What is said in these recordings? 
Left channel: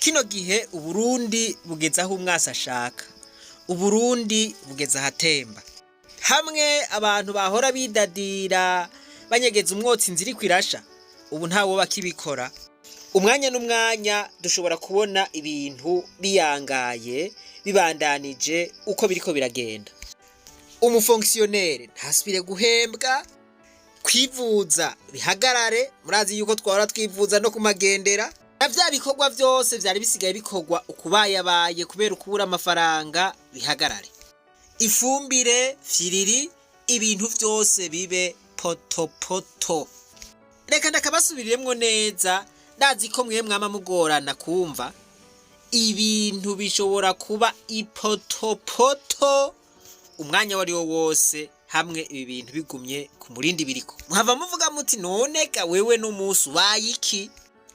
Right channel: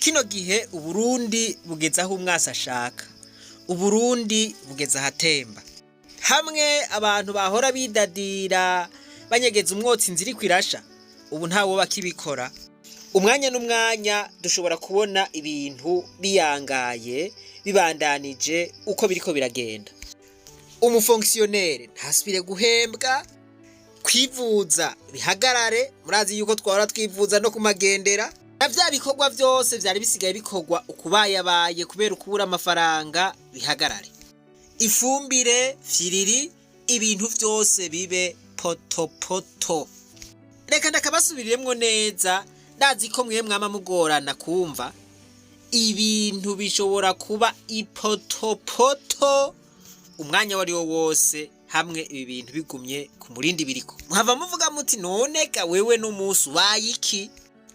Kino gihe Uburundi bugeze aho umwasi ashaka. Uburundi bugeze ahatemba. Hamwe abantu bahora bidadira banyegeza umwotsi inzira kwirasha. Ubu ntawo bakibikora. Umwanya n'umwanya dushobora kubona ibintu biyangaye bibandanije uko biriko biragenda. Umufonctionnaire ntasubire guhembwa, kwivuza bihagarare, murazi yuko twahora twivuza no kumagendera. Navya bikorwa vyose vyari bisigaye bikorwa ukubayabaye kubera ukubura amafaranga bihagarare. Ifumbire, firiri, ibintu vyose bibe potopoto. Reka ndakabasubiriremwo neza, ndazi ko mwe mwama mugorana kumva. Ibintu bishobora kuba ipotopoto umwanya wari wo wose hamwe ibi bintu bigumye ku murindi biriko. Muhava muvuga muti none ga wewe n'umusi bayiki?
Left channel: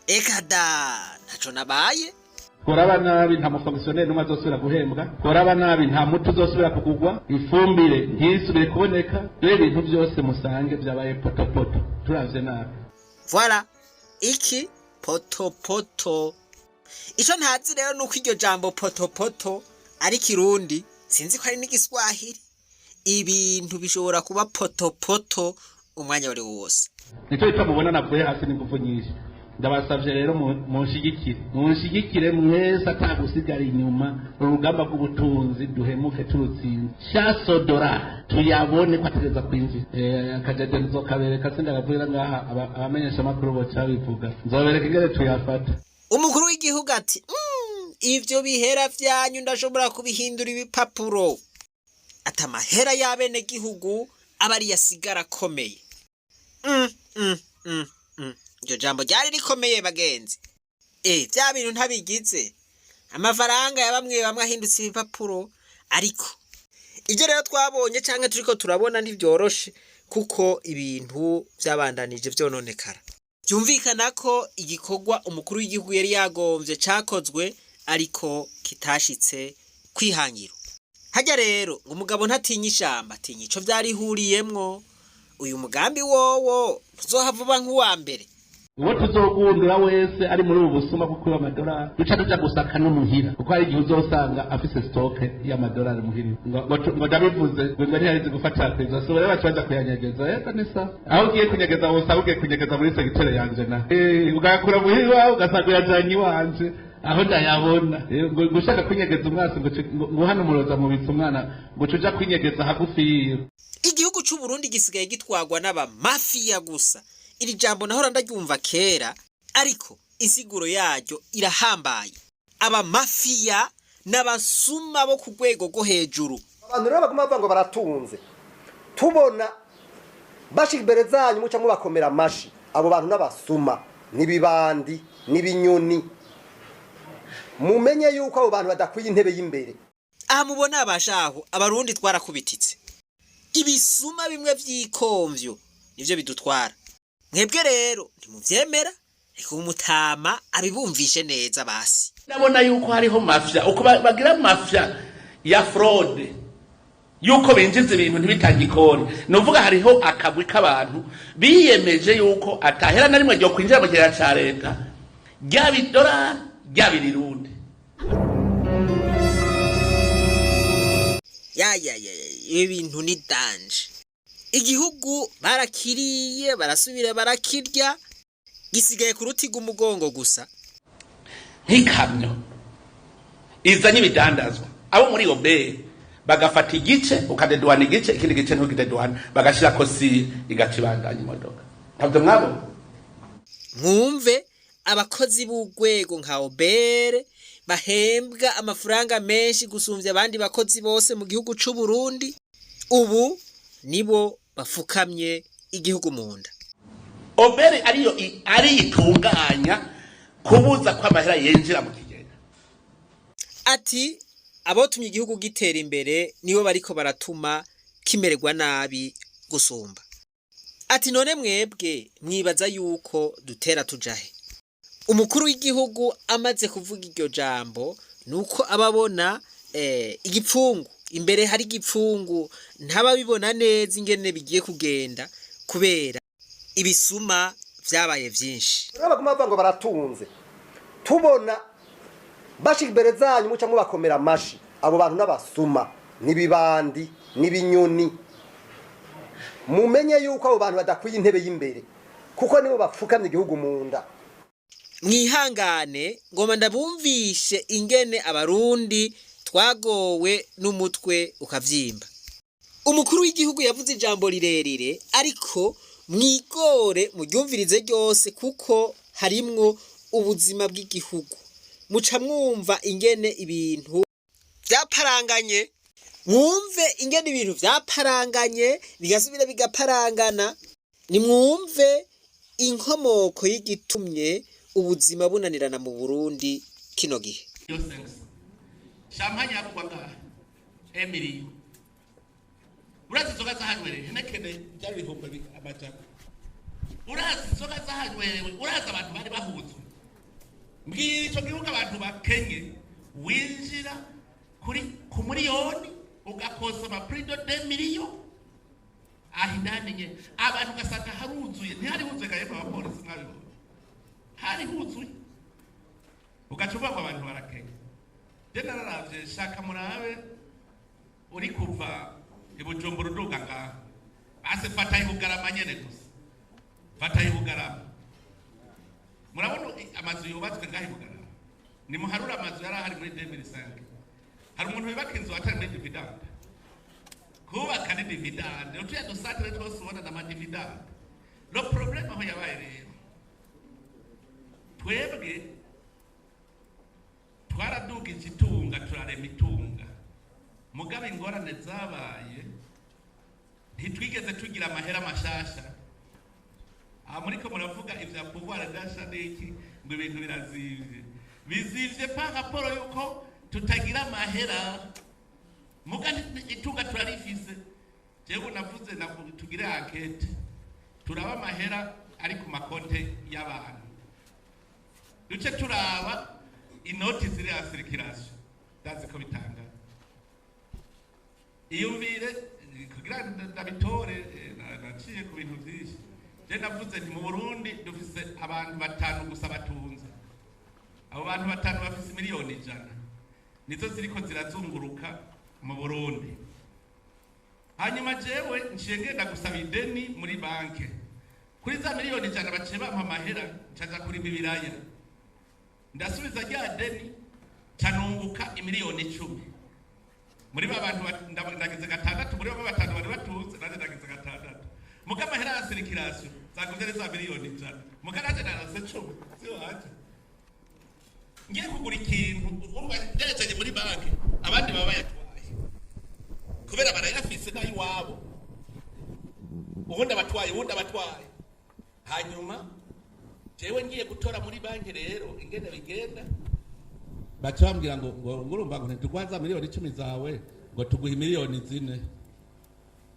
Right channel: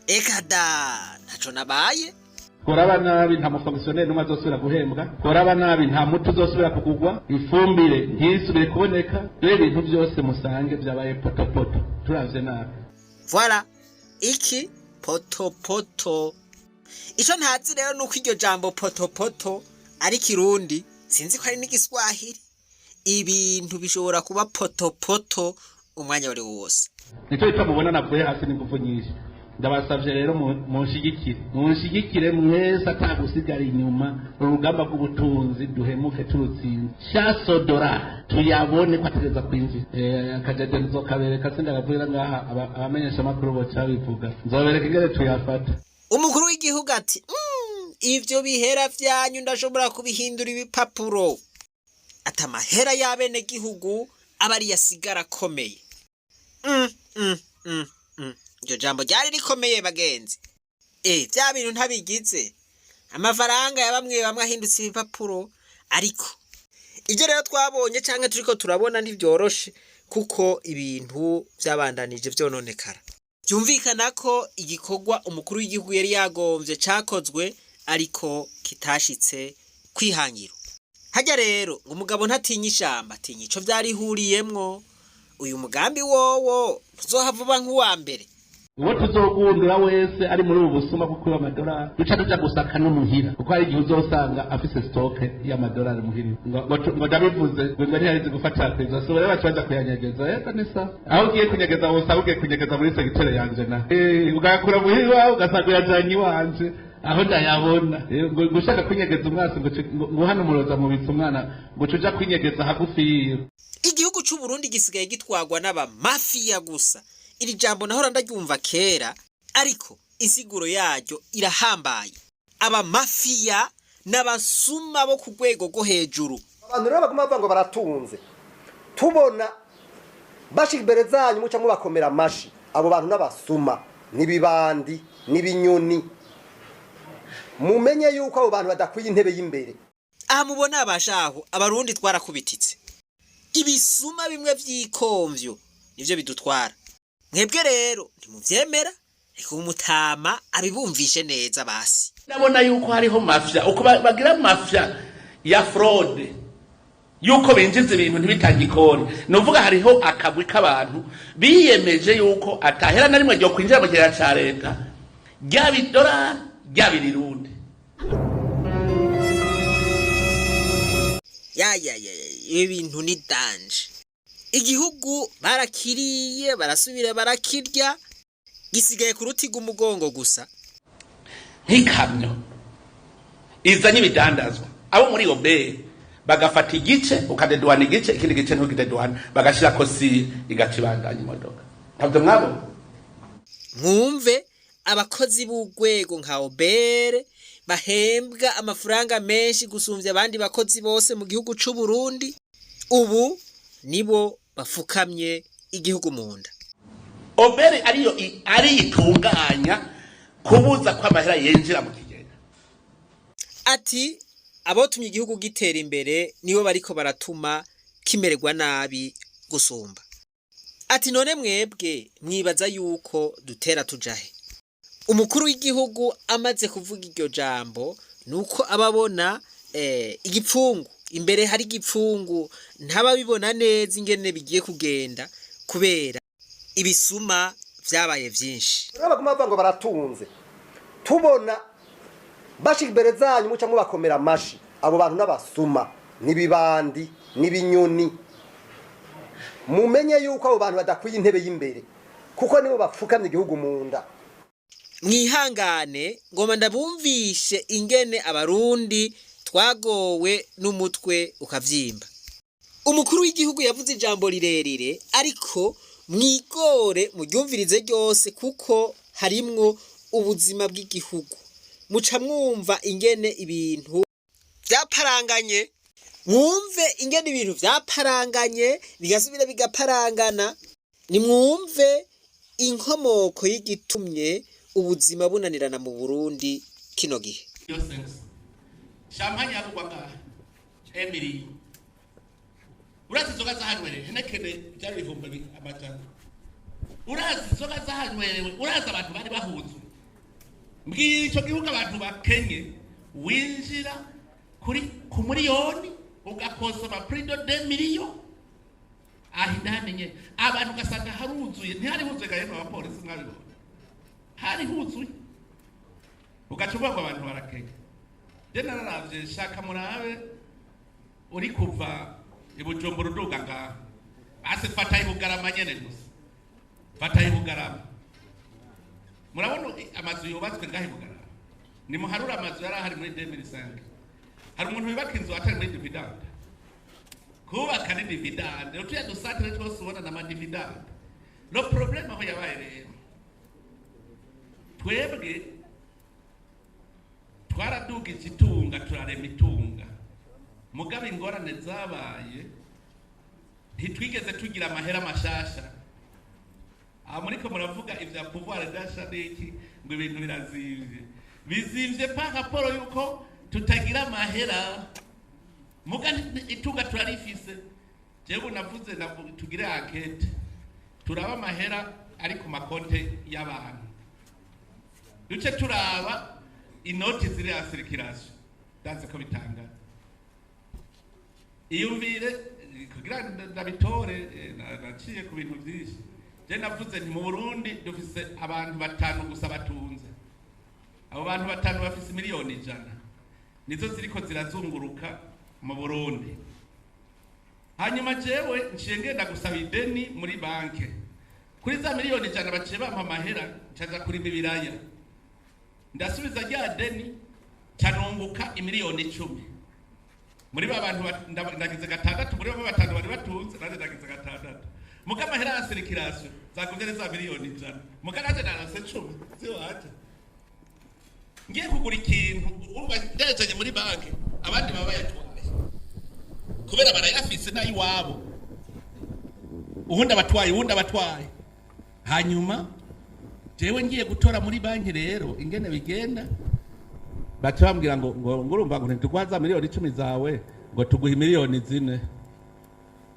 Eka da ntaco nabaye. Koraba nabi nta mufonctionnaire numwe azosubira guhembwa. Koraba nabi nta mutu uzosubira kugugwa. Ifumbire ntisubire kuboneka. Dore ibintu byose musange byabaye potopoto. Turavye nabi. Voilà. Iki potopoto. Ico ntazi rero nuko iryo jambo potopoto ari Kirundi, sinzi ko ari n'igiswahili. Ibintu bishobora kuba potopoto umwanya wari wose. Nico itamubona navuye hasi n'ingufu nyinshi. Ndabasavye rero munshigikire mwese atagusigara inyuma urugamba rw'ubutunzi duhemuke turutsinze. Shasodora tuyabone ko ategeza kwinjira. Akajeje nzokabereka sindagavura ngaha abamenyesha makuru bo cabivuga. Nzobereka ingere tuyafata. Umukuru w'igihugu ati ivyo bihera vyanyu ndashobora kubihindura ibipapuro. Atamahera y'abene gihugu abari yasigara komeye. Iryo jambo ryari rikomeye bagenzi. Vya bintu ntabigize. Amafaranga ya bamwe ahindutse ibipapuro ariko ivyo rero twabonye canke turiko turabona ntivyoroshe kuko ibintu vyabandanije vyononekara. Byumvikana ko igikorwa umukuru w'igihugu yari yagomvye cakozwe ariko kitashitse kwihangiro. Hajya rero ngo umugabo ntatinya ishamba atinya ico vyarihuriyemwo. Uyu mugambi wowo tuzohavuba nk'uwa mbere. Uwo tuzogundura wese ari muri ubu busuma kuko amadolari duca tuja gusaka no muhira kuko hari igihe uzosanga afise stock y'amadolari muhira ngo ndabivuze ngo ntiharize gufata kweza so rero bacaza kuyanyegeza yego nisa aho ugiye kunyegeza wose ugiye kunyegeza muri secretary yanje na ugakura muhira ugasanga yajanye wanje aho ndayabona gushaka kunyegeza umwasi ngo hano muroza mu bitse umwana ngo tuja kunyegeza hagufi. Igihugu c'u Burundi gisigaye gitwagwa n'aba mafia gusa. Iri jambo nahora ndaryumva kera ariko insiguro yaryo irahambaye. Aba mafia n'abasuma bo ku rwego rwo hejuru. Abantu rero baguma bavuga ngo baratunze. Tubona bashikibere zanyu muca mubakomera amashi. Abo bantu n'abasuma nibibandi nibinyoni. Mumenye yuko abo bantu badakwiye intebe y'imbere. Aha mubona abashaho abarundi twarakubititse. Ibisuma bimwe vy'ikomvyo nivyo bidutwara. Mwebwe rero ntimuvyemera ariko umutama abibumvishe neza basi. Ndabona yuko hariho mafia uko bagira mafia ya fraude yuko binjiza ibintu ntibitangikone. Nuvuga hariho akagwi k'abantu biyemeje yuko atahera na rimwe ryo kwinjira mu kirera ca leta ry'abidolari ry'abirirundi. Ibintu ni danje. Igihugu barakiriye barasubira barakirya gisigaye ku rutiga umugongo gusa. Nk'ikamyo izanye ibidandazwa abo muri obe bagafata igice ukadedwana igice ikindi gice ntugidedwana bagashira kosi igacibandanya imodoka. Ntabwo mwabo mwumve abakozi b'ugwego nka obere bahembwa amafaranga menshi gusumvya abandi bakozi bose mu gihugu c'u Burundi. Ubu nibo bafukamye igihugu munda. Obere ari itunganya kubuza kwa amahera yenjira mu kigega. Ati abotumye igihugu gitera imbere nibo bariko baratuma kimererwa nabi gusumba. Ati none mwebwe mwibaza yuko dutera tujahe. Umukuru w'igihugu amaze kuvuga iryo jambo nuko ababona igipfungu imbere hari igipfungu ntababibona neza ingene bigiye kugenda kubera ibisuma vyabaye vyinshi. Rero baguma bavuga ngo baratunze. Tubona bashika imbere zanyu muca mubakomera amashi abo bantu n'abasuma n'ibibandi n'ibinyoni mumenye yuko abo bantu badakwiye intebe y'imbere kuko nibo bapfukamye igihugu mu nda. Mwihangane ngoma ndabumvishe ingene abarundi twagowe n'umutwe ukavyimba. Umukuru w'igihugu yavuze ijambo rirerire ariko mwigore muryumvirize ryose kuko harimwo ubuzima bw'igihugu. Muca mwumva ingene ibintu vyaparanganye, mwumve ingene ibintu vyaparanganye bigasubira bigaparangana, nimwumve inkomoko y'igitumye ubuzima bunanirana mu Burundi kino gihe. Champagne yakugwaga Emily urazi zoga zahanywere henekene byari bihomba amajana urazi zoga zahanywere urazi abantu bari bahuzwe mbwira ico gihugu abantu bakenye winjira kuri ku miliyoni ugakosa ba prix de 2 millions ahindamenye abantu gasanga haruzuye ntihari huzuye gaye abapolisi mwabibona hari huzuye ugacuba ngo abantu barakenye dena naravye shaka murabe uri kuva ibujumbura uduga ngaha base fata ibugarama nyene gusa fata ibugarama murabona amazu yubatswe ngaha ibugarama ni muharura amazu yari ahari muri 2005 hari umuntu wibaka inzu atari muri dividende kubaka ni dividende utuye dusatire twose ubona na dividende no problem aho yabaye rero twebwe twaraduga ikitunga turarema itunga mugabe ingorane zabaye ntitwigeze tugira amahera mashasha muriko muravuga ivya pouvoir d'achat n'iki ngo ibintu birazivye bizivye pa raporo yuko tutagira amahera muga itunga turarifise jewe navuze tugire enquête turaba amahera ari ku makonte y'abantu duce turaba inoti ziri ya circulation ndaze ko bitanga iyumvire kugira ndabitore naciye ku bintu byinshi je navuze nti mu Burundi dufise abantu batanu gusa batunze abo bantu batanu bafise miliyoni 100 nizo ziriko zirazunguruka mu Burundi hanyuma jewe nciye ngenda gusaba ideni muri banke kuri za miliyoni 100 baciye bampa amahera ncaza kuri ibiraya ndasubiza rya deni canunguka imiliyoni 10 muri babantu ndagize gatandatu muri batanu bari batunze naje ndagize gatandatu muga mahera ya circulation zakuvye za miliyoni 100 muga naje narase 10 zio hata ngiye kugura ikintu urumva ndejeje muri banki abandi baba yatwaye kubera barayafise nayi wabo ubundi abatwaye hanyuma jewe ngiye gutora muri banki rero ingene bigenda baca bambwira ngo urumva ngo ntitugwaza miliyoni 10 zawe ngo tuguhe miliyoni 4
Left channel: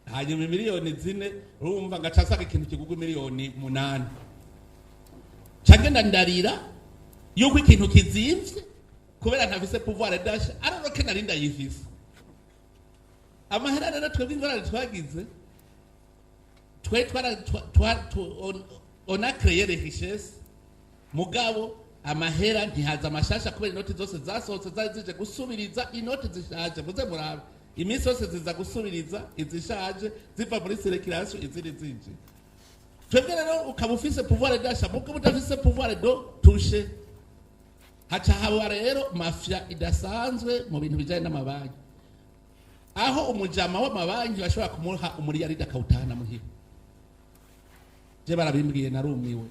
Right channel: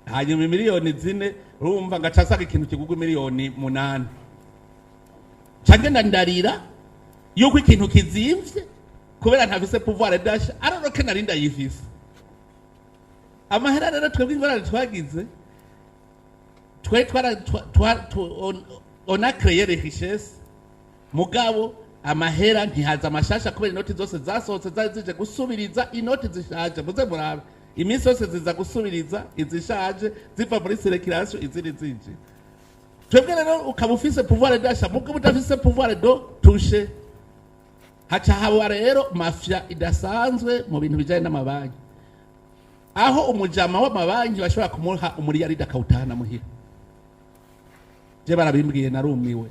hanyuma miliyoni 4 urumva ngacasaga ikintu kigugwa miliyoni 8 cagenda ndarira yuko ikintu kizimvye kubera ntafise pouvoir d'achat aroroke narinda yifise amahera rero twebwe ingorane twagize on a créé les richesses mugabo amahera ntihaza amashasha kubera inoti zose zasohotse zije gusubiriza inoti zishaje muze murabe iminsi yose ziza gusubiriza izishaje ziva muri circulation iziri zije twebwe rero ukaba ufise pouvoir d'achat mugabo udafise pouvoir de toucher haca haba rero mafia idasanzwe mu bintu bijanye n'amabanki aho umujama w'amabanki bashobora kumuha umuriyaridi akawutahana muhira je barabimbwiye narumiwe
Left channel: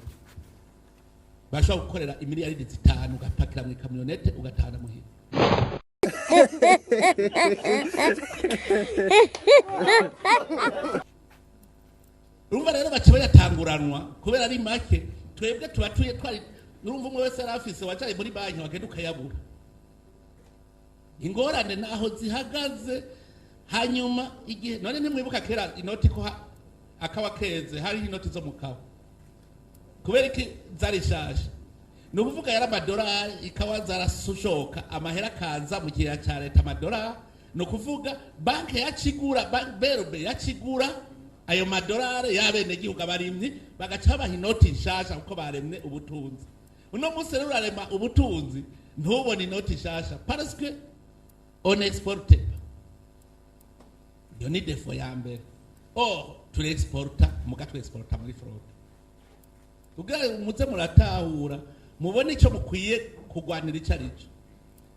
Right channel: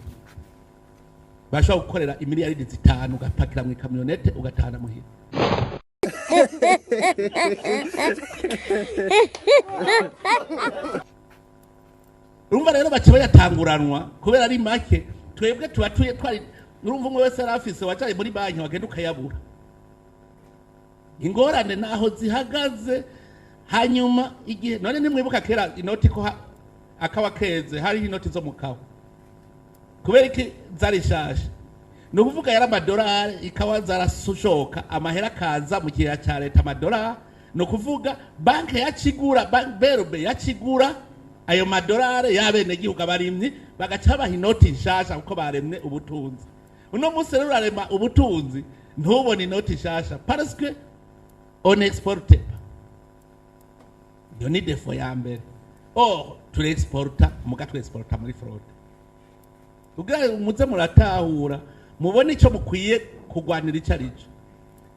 bashobora gukorera imiliyaridi 5 ugapakira mu kamyonete ugatahana muhira urumva rero baciye bayatanguranwa kubera ari make twebwe tubatuye twari urumva umwe wese arafise wacaye muri banki wagenda ukayabura ingorane naho zihagaze hanyuma igihe none nimwibuka kera inoti ko akawa keze hari inoti zo mukawa kubera iki zari shasha no kuvuga yara amadolari ikawa zarashoka amahera kaza mu kiya cya leta amadolari no kuvuga banke yakigura berbe yakigura ayo madolari yabene gihugu abarimyi bagaca baha inoti shasha uko baremwe ubutunzi uno munsi rero arema ubutunzi ntubone inoti shasha parce que on exporte pas. Iyo ni defo ya mbere. Turi exporta muga tu exporta muri fraude. Ubwo muze muratahura mubone ico mukwiye kugwanira icarico.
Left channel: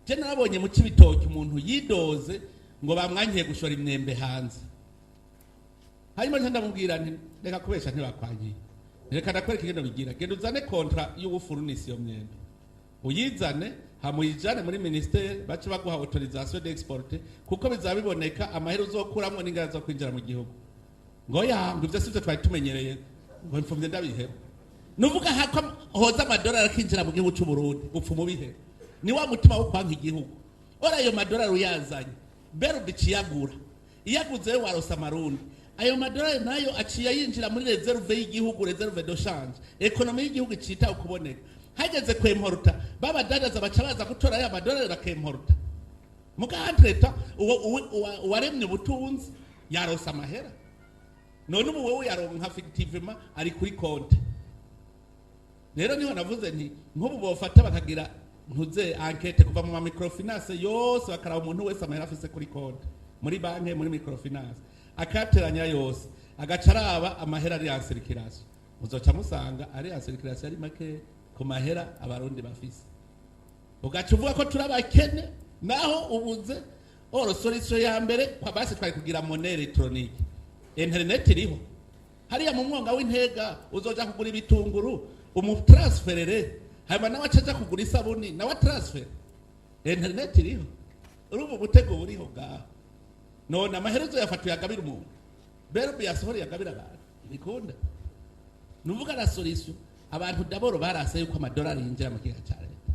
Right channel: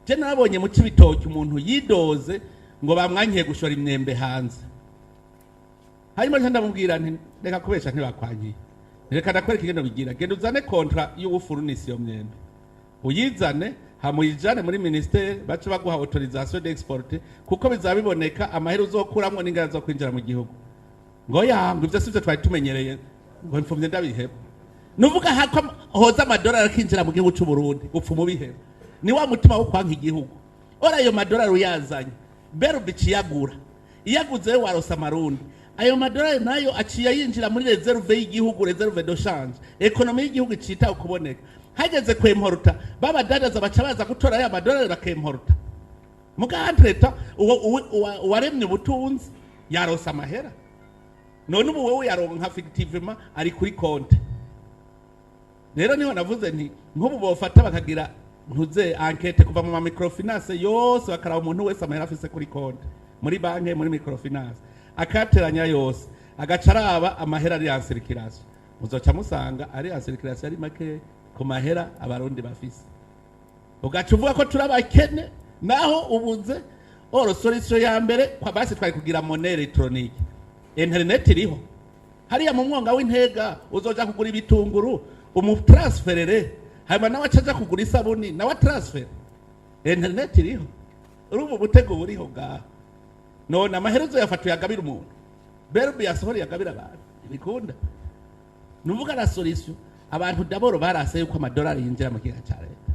Je nabonye mu cibitoki umuntu yidoze ngo bamwankiye gushora imyembe hanze. Hanyuma ndamubwira nti reka kubesha ntibakwankiye. Reka ndakwereka ingendo bigira. Genda uzane kontra y'ubufurunisi yo myembe. Uyizane hamuyijane muri ministere bace baguha autorisation d'exporter kuko bizabiboneka amahera uzokuramwo n'ingara zo kwinjira mu gihugu. Ngo yangu ivyo sivyo twari tumenyereye ngo mfumye ndabiheba. Nuvuga hako hoza amadolari akinjira mu gihugu cy'u Burundi upfumu biheba. Ni wa mutima wo kwanka igihugu. Ora ayo madolari uyazanye berube ciyagura. Iyaguze warosa marundi. Ayo madolari nayo aciye yinjira muri reserve y'igihugu, reserve de change. Economy y'igihugu cita ukuboneka. Hageze kwemporta baba dadaza baca baza gutora ya madolari bakemporta. Mugantreta waremye ubutunzi yarosa amahera. None ubu wewe yaronka fictivement ari kuri konte. Rero niho navuze nti nk'ubu bofata bakagira ntuze enquête kuva mu microfinance yose bakaraba umuntu wese amahera afise kuri konte muri banki muri microfinance akateranya yose agacaraba amahera ari en circulation muzoca musanga ari en circulation ari make ku mahera abarundi bafise ugaca uvuga ko turabakene naho ubuze solution ya mbere kwa basi twari kugira monnaie électronique internet iriho hariya mu mwonga w'intega uzoja kugura ibitunguru umutransferere hanyuma nawe acaja kugura isabuni nawe transfer internet iriho urubu butego buriho ngaho none amaherezo yafatuye agabira umuntu berube yasohora yagabira abantu ibikunda nuvuga na solution abantu daboro barase yuko amadolari yinjira mu gihe cya leta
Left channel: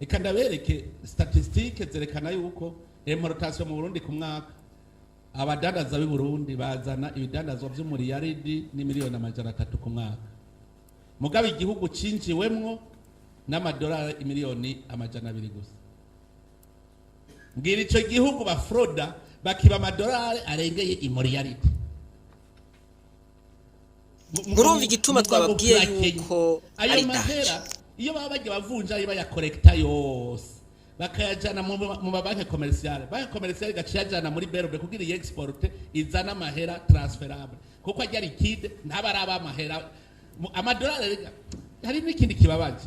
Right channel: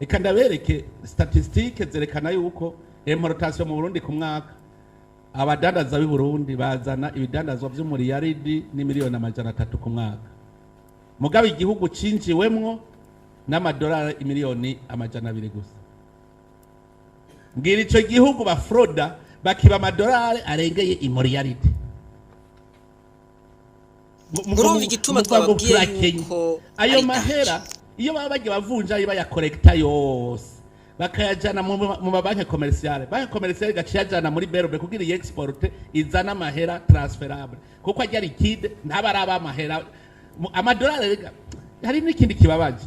eka ndabereke statistique zerekana yuko importation mu Burundi ku mwaka abadadaza b'i Burundi bazana ibidandazwa by'umuriyaridi n'imiliyoni 300 ku mwaka mugabe igihugu cinjiwemwo n'amadolari imiliyoni 200 gusa ngira ico gihugu ba froda bakiba amadolari aregeye imuriyaridi murumva igituma twababwiye yuko ayo mahera iyo baba bagiye bavunja iba ya collecta yose bakayajana mu mabanki commerciale banki commerciale gaciyajana muri berube kugira iyi export izana amahera transferable kuko ajya liquide ntabaraba amahera amadolari rega hari n'ikindi kibabaje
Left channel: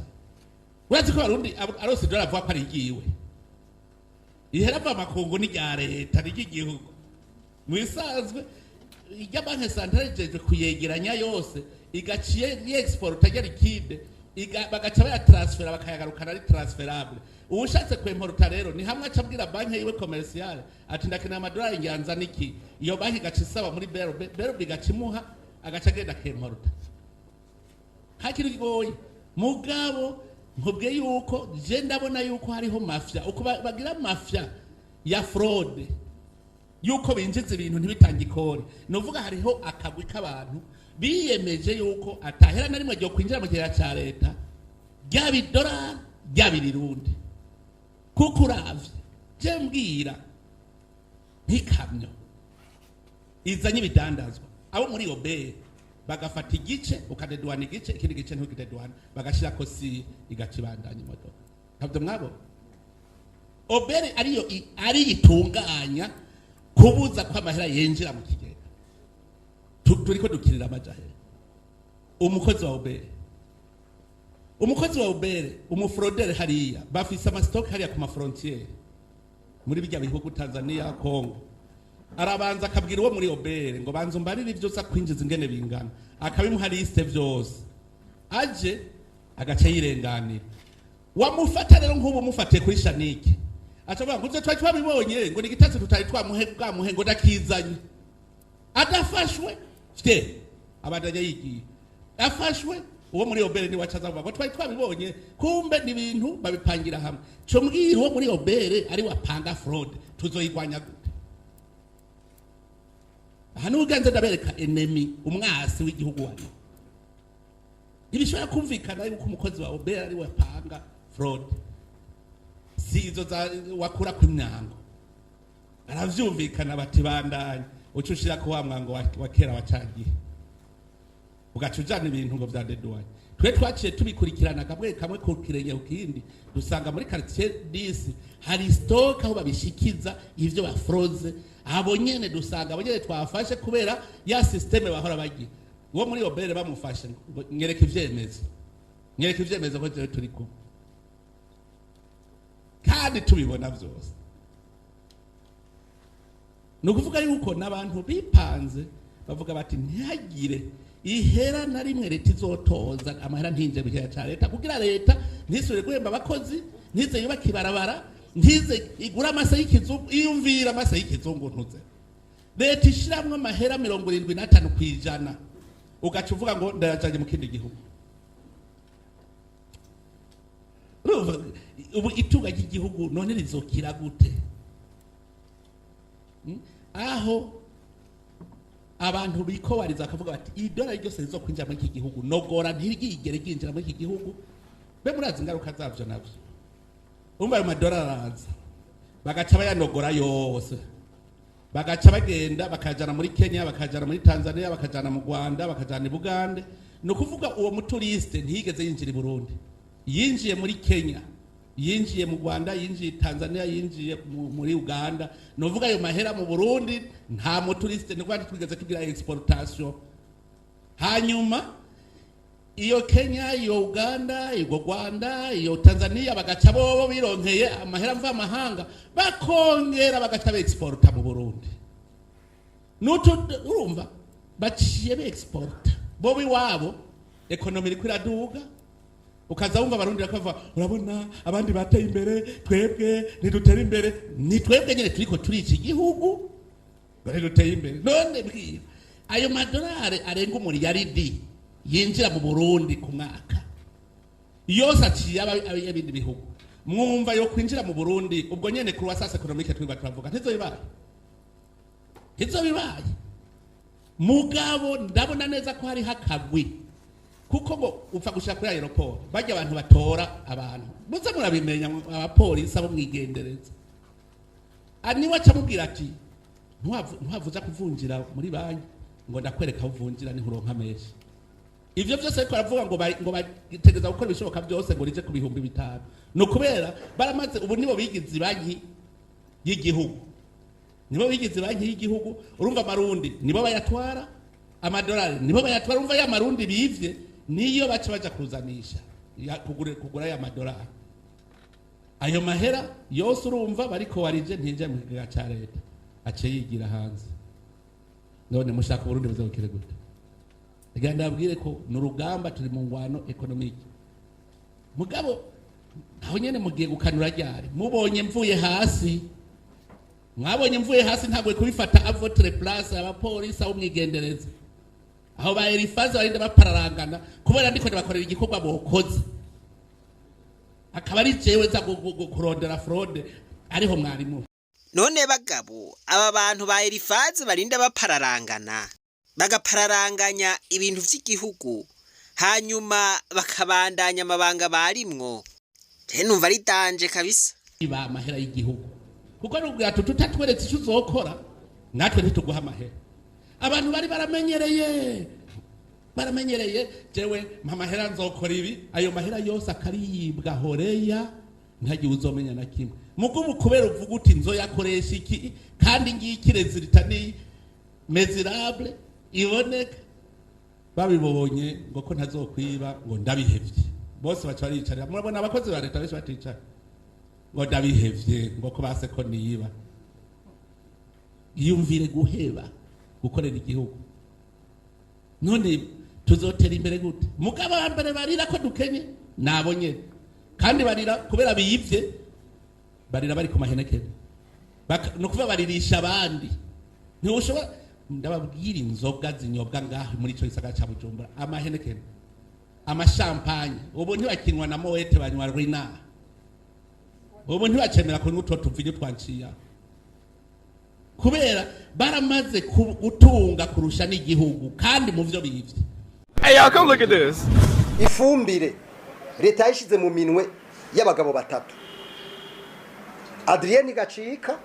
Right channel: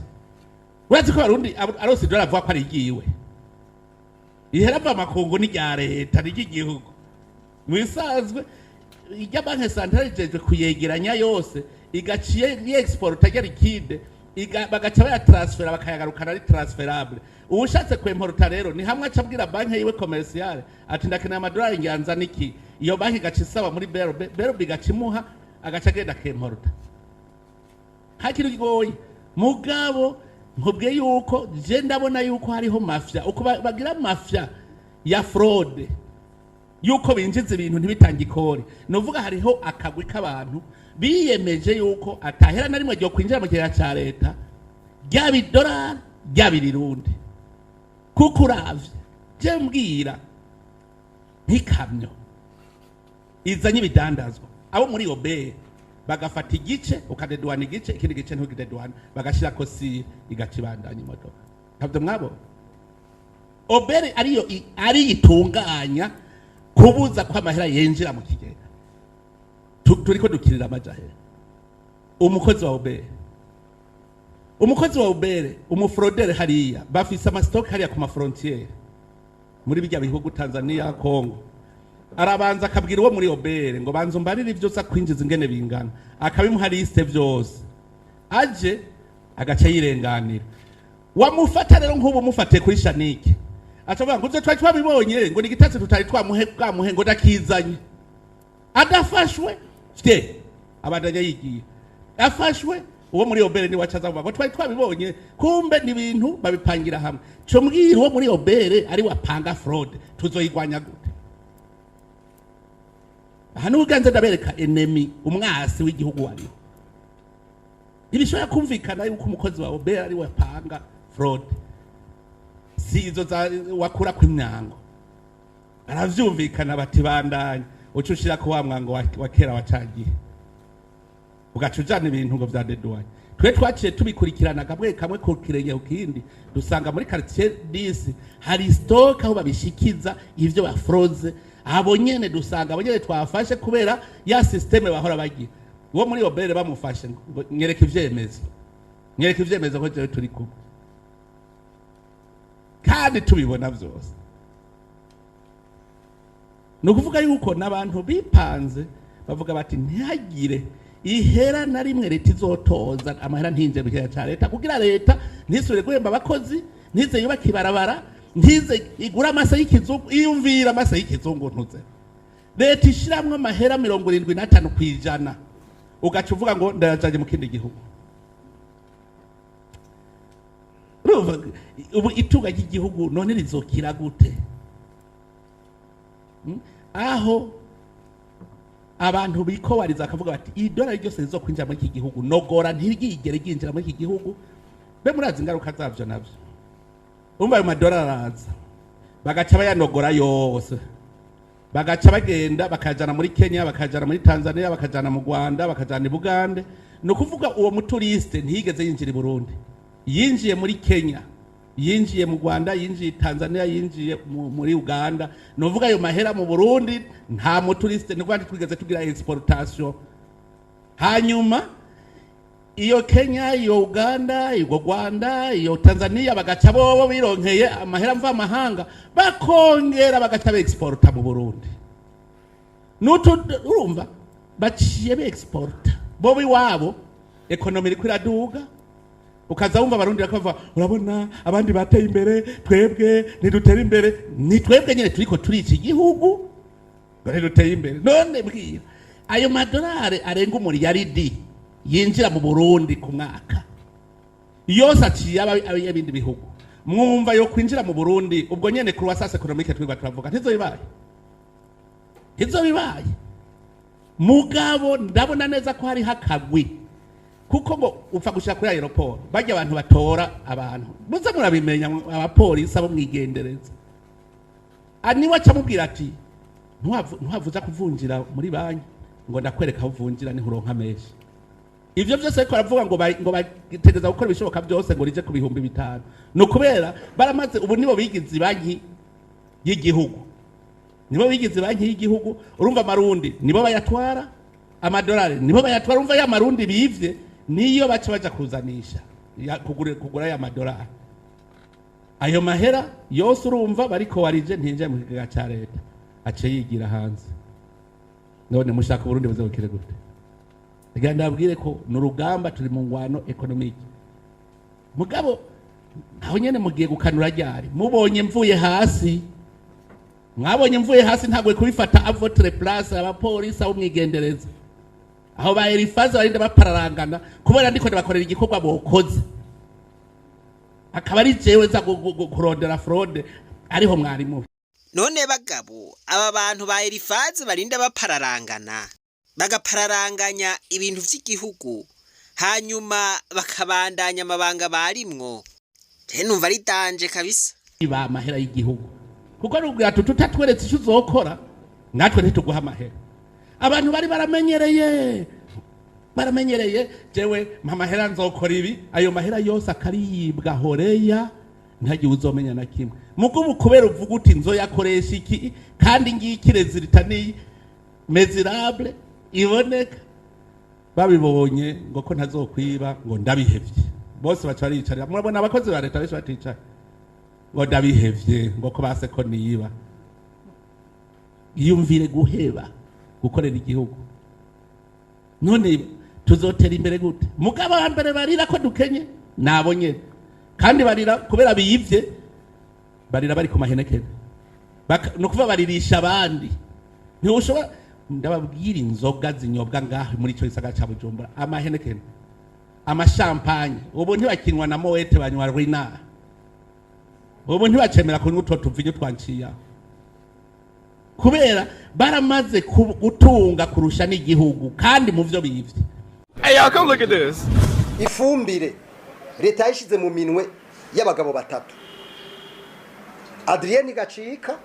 urazi ko Barundi arose dollar avuga ko ari igiwe ihera pa makungu ni rya leta n'igihugu mwisanzwe ijya banki centrale jeje kuyegeranya yose igaciye ni export ajya liquide bagaca baya transfera bakayagarukana ari transferable ubushatse kwemporta rero ni hamwe acabwira banki yiwe commerciale ati ndakeneye amadolari nganza niki iyo banki gaca isaba muri berube gaca imuha agaca agenda kemporta hakiri goyi mugabo nkubwiye yuko je ndabona yuko hariho mafia uko bagira mafia ya fraude yuko binjiza ibintu ntibitangikore novuga hariho akagwi k'abantu biyemeje yuko atahera na rimwe ryo kwinjira mu gihe cya leta ry'abidolari ry'abirirundi kuko uravye je mbwira ntikamyo izanye ibidandazwa abo muri obe bagafata igice ukadedwana igice ikindi gice ntugidedwana bagashira ko si igacibandanya imodoka ntabwo mwabo obere ari itunganya kubuza ko amahera yinjira mu kigega turiko dukirira amajahera umukozi wa obere umufrodere hariya bafise amastock hariya ku mafrontiere muri bijya bihugu Tanzania Kongo arabanza akabwira uwo muri obere ngo banzo mbarire ivyo sa kwinjiza ingene bingana akabimuha liste vyose aje agaca yirenganira wamufata rero nk'ubu mufate kuri shanike acavuga ngo twari twabibonye ngo nigitase tutari twamuhe ngo ndakizanye adafashwe fite abadanya yigiye afashwe uwo muri obere ni wacaza ngo twari twabibonye kumbe ni ibintu babipangira hamwe cyo mbwira uwo muri obere ari wapanga fraud tuzoyigwanya gute hano uganze ndabereka enemy umwasi w'igihugu wano ibishobora kumvikana yuko umukozi wa obere ari wapanga fraud si izo wakura ku imyango aravyumvikana bati bandanye ucushira ko wa mwango wa kera wacagiye ugaca ujana ibintu ngo vya deduwaye twe twaciye tubikurikirana kamwe kamwe ku kirenge ukindi dusanga muri quartier 10 hari stock aho babishikiza ivyo bafroze abo nyene dusanga abo nyene twafashe kubera ya systeme bahora bagira uwo muri obere bamufashe ngo nyereka ivyemezo ko turi kumwe kandi tubibona vyose no kuvuga yuko nabantu bipanze bavuga bati ntihagire ihera na rimwe leta izotoza amahera ntinje mu cya leta kugira leta ntisubire guhemba abakozi ntize yubaka ibarabara ntize igura amasa y'ikizungu iyumvira amasa y'ikizungu ntuze leta ishiramwe amahera 75% ugaca uvuga ngo ndayajanye mu kindi gihugu ubu itunga ry'igihugu none rizokira gute aho abantu bikowariza akavuga bati idolari ryose rizokwinjira muri iki gihugu nogora ntirigigere ryinjira muri iki gihugu be murazi ingaruka zavyo navyo umva ayo madolari araza bagaca bayanogora yose bagaca bagenda bakajana muri Kenya bakajana muri Tanzania bakajana mu Rwanda bakajana i Bugande no kuvuga uwo muturiste ntiyigeze yinjira i Burundi yinjiye muri Kenya yinjiye mu Rwanda yinjiye Tanzania yinjiye muri Uganda novuga ayo mahera mu Burundi nta muturiste ni kwandi twigeze tugira exportation hanyuma iyo Kenya iyo Uganda iyo Rwanda iyo Tanzania bagaca bobo bironkeye amahera mva mahanga bakongera bagaca exporta mu Burundi nuto urumva baciye be exporta bobo iwabo economy iri kwiraduga ukaza wumva abarundi bakava urabona abandi bateye imbere twebwe ntidutera imbere ni twebwe nyine turiko turica igihugu ntiduteye imbere none bwira ayo madolari arenga umuriyaridi yinjira mu Burundi ku mwaka yose aciye ab'ibindi bihugu mwumva yo kwinjira mu Burundi ubwo nyene croissance économique twiga turavuga ntizobibaye mugabo ndabona neza ko hari hakagwi kuko ngo upfa gushaka kuri aeroport bajya abantu batora abantu muze murabimenya abapolisi abo mwigendereza aniwe acamubwira ati ntuhavuza kuvunjira muri banki ngo ndakwereka aho uvunjira ni huronka menshi ivyo byose ko aravuga ngo bategeza gukora ibishoboka byose ngo rije ku bihumbi 5 no kubera baramaze ubu nibo bigize banki y'igihugu urumva amarundi nibo bayatwara amadolari nibo bayatwara urumva ya marundi bivye niyo baca kuzanisha kugura ya madolari ayo mahera yose urumva bariko warije ntinje mu kigega ca leta ace yigira hanze none mushaka Burundi buzabukire gute rega ndabwire ko n'urugamba turi mu ngwano economique mugabo aho nyene mugiye gukanura ryari mwabonye mvuye hasi ntabwo kubifata a votre place abapolisi aho mwigendereza aho ba Elifaze barinda bapararangana kubera ndiko ndabakorera igikorwa bokoze akaba ari jewe za kurondera fraude ariho mwarimu none bagabo aba bantu ba Elifaze barinda bapararangana bagapararanganya ibintu vy'igihugu hanyuma bakabandanya amabanga barimwo numva ari danje kabisa iba amahera y'igihugu kuko n'ubwira tutatweretse icyo uzokora natwe ntituguha amahera abantu bari baramenyereye jewe amahera nzokora ibi ayo mahera yose akaribwa horeya ntagiye uzomenya na kimwe mugo kubera uvuga uti nzoyakoresha iki kandi ngikirezi ritani mesurable iboneka babibonye ngo ko ntazokwiba ngo ndabihevye bose baca baricara murabona abakozi ba leta benshi baticara ngo ndabihevye ngo ko base ko niba yumvire guheba gukorera igihugu none tuzotera imbere gute mugabo hambere barira ko dukenye nabonye kandi barira kubera biyivye barira bari ku mahenekere no kuva baririsha abandi ntiushobora ndababwira inzoga zinyobwa ngaho muri cyo gisagara ca Bujumbura amahenekere amashampanye ubu ntibakinwa na Moete banywa Rina ubu ntibacemera kunywa utwo tuvinyo twanciya kubera baramaze gutunga kurusha n'igihugu kandi mu vyo bivye. Hey y'all, come look at this. Ifumbire leta yishize mu minwe y'abagabo batatu. Adrien Gacika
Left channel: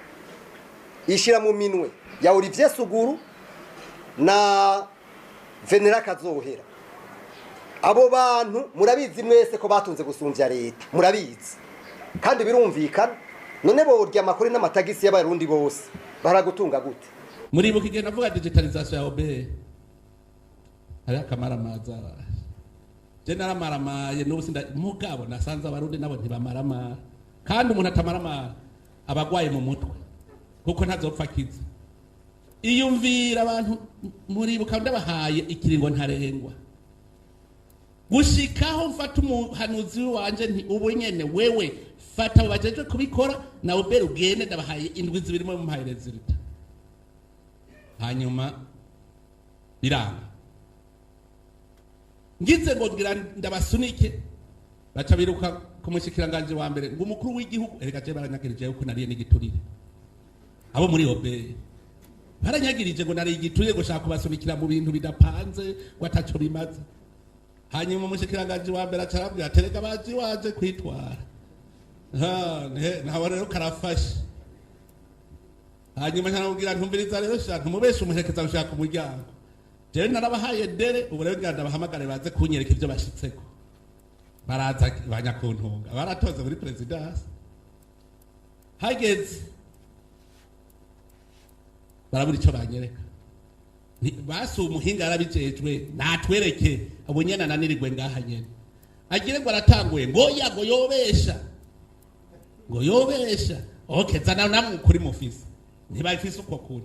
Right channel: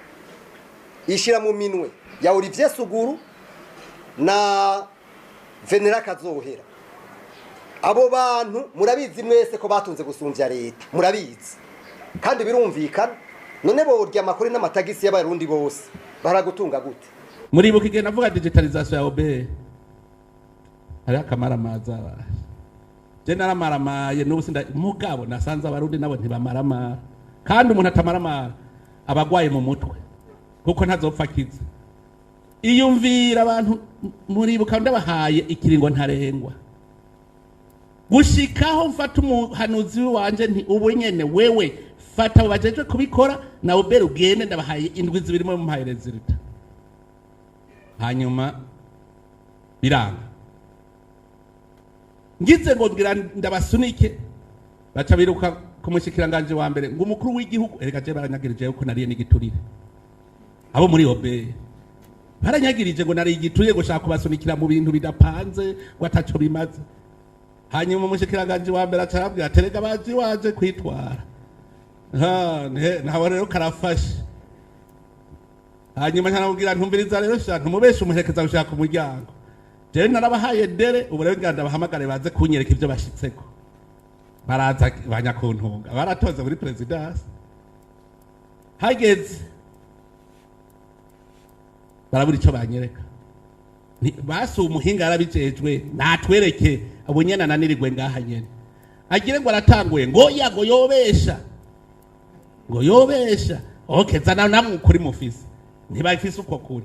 ishira mu minwe ya Olivier Suguru na Venera Kazohera. abo bantu murabizi mwese ko batunze gusumvya leta murabizi kandi birumvikana none borya amakuru n'amatagisi y'abarundi bose baragutunga gute muribuka igihe navuga digitalization ya OBR hari akamara maza je naramaramaye n'ubusinda mugabo nasanze abarundi nabo ntibamarama kandi umuntu atamarama abagwaye mu mutwe kuko ntazopfa kiza iyumvira abantu muribuka ndabahaye ikiringo ntarengwa gushikaho mfata umuhanuzi wanje nti ubu nyene wewe fata bajeje kubikora na ubere ugende ndabahaye indwi zibiri mu mpaye resulta hanyuma biraba ngize ngo ngira ndabasunike baca biruka kumushikiranganje wa mbere ngo umukuru w'igihugu ereka je baranyagirije yuko nariye n'igiturire abo muri obere baranyagirije ngo nari igiturire gushaka kubasunikira mu bintu bidapanze ngo ataco bimaze hanyuma umushikiranganje wa mbere acarabwira terega bazi waje kwitwara ntawe rero karafashe hanyuma ntanabwira ntumviriza rero shantu mubeshe umuherekeza gushaka umuryango jewe narabahaye dere ubu rero nganda bahamagare baze kunyereka ivyo bashitseko baraza banyakuntunga baratoze muri presidence hageze barabura ico banyereka basi umuhinga yarabijejwe natwereke abo nyene nanirirwe ngaha nyene agire ngo aratanguye ngo yago yobesha okay zana namwe kuri mufisi ntibafise uko kuri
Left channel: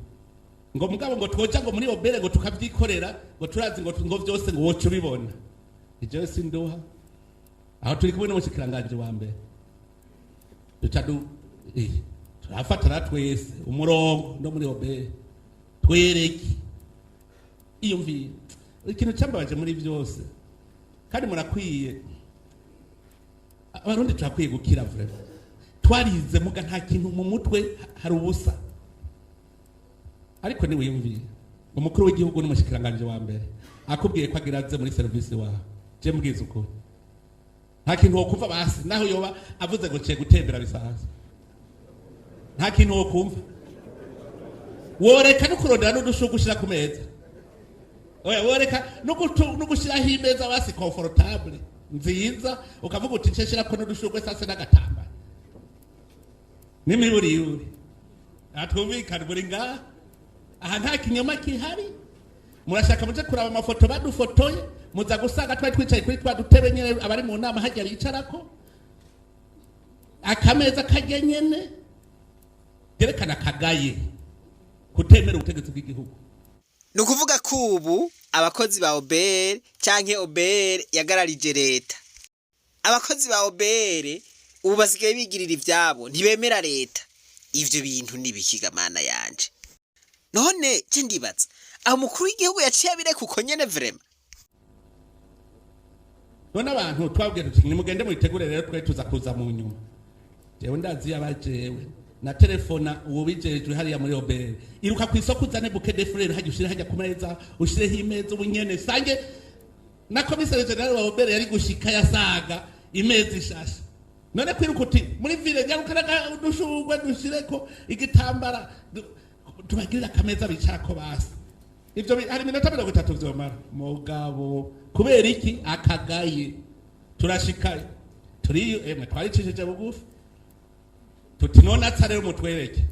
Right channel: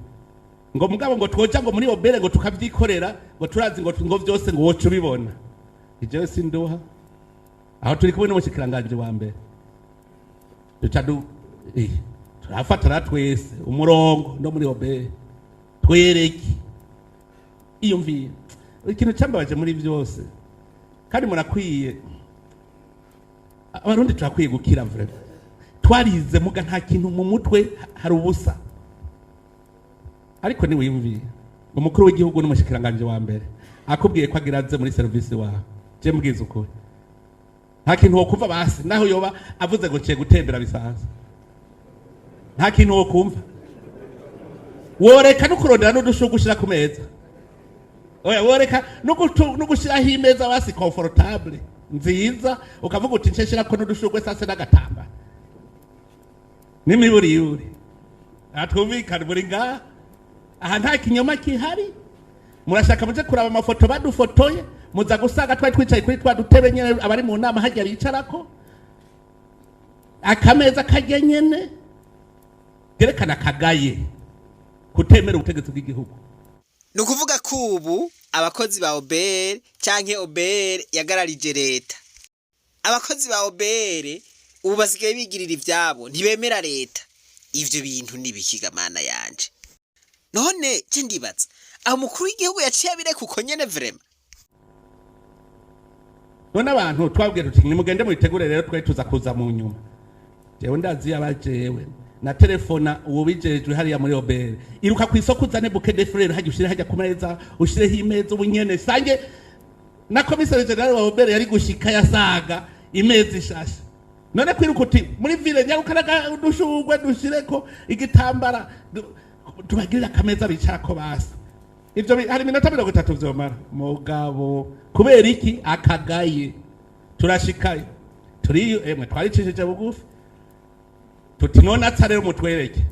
ngo mugabo ngo twoca ngo muri obere ngo tukavyikorera ngo turazi ngo vyose ngo wocu bibona ijewe sindoha aho turi kubona umushikiranganje wa mbere turafatana twese umurongo no muri obere twereke iyumvira ikintu cyambabaje muri byose kandi murakwiye abarundi turakwiye gukira mvura twarize muga nta kintu mu mutwe hari ubusa ariko ni wimvira umukuru w'igihugu n'umushikiranganje wa mbere akubwiye ko agiraze muri service wawe je mbwiza uko nta kintu wo kuva basi naho yoba avuze ngo cye gutembera bisanzwe nta kintu wo kumva woreka no kurondera no dushugushira ku meza oya woreka no gushiraho imeza basi comfortable nziza ukavuga uti ceshira ko n'udushugwe sase n'agatamba n'imiburi atwumvikana muri ngaha aha nta kinyoma kihari murashaka muje kuraba amafoto badufotoye muza gusanga twari twicaye kuri twa dutebe nyene abari mu nama hajya bicarako akameza kajya nyene gerekana kagaye kutemera ubutegetsi bw'igihugu ni ukuvuga ko ubu abakozi ba obere canke obere yagararije leta abakozi ba obere ubu basigaye bigirira ivyabo ntibemera leta ivyo bintu nibikigamana yanje none je ndibaza aho mukuru w'igihugu yaciye abireka uko nyene vrema none abantu twabwira tuti nimugende muyitegure rero twe tuza kuza mu nyuma jewe ndazi yabajewe na telefona uwo bijejwe hariya muri obere iruka ku isoko uzane buke de frere hajya ushire hajya ku meza ushireho imeza ubunyene sange na komisare general wa obere yari gushika yasaga imeza ishasha none kwiruka uti muri ville nyarukaraga udushugwe dushireko igitambara tubagirira akameza bicarako basi ivyo hari minota 30 vyomara mugabo kubera iki akagaye turashikaye turi twaricishije bugufi tuti none atsarero mutwereke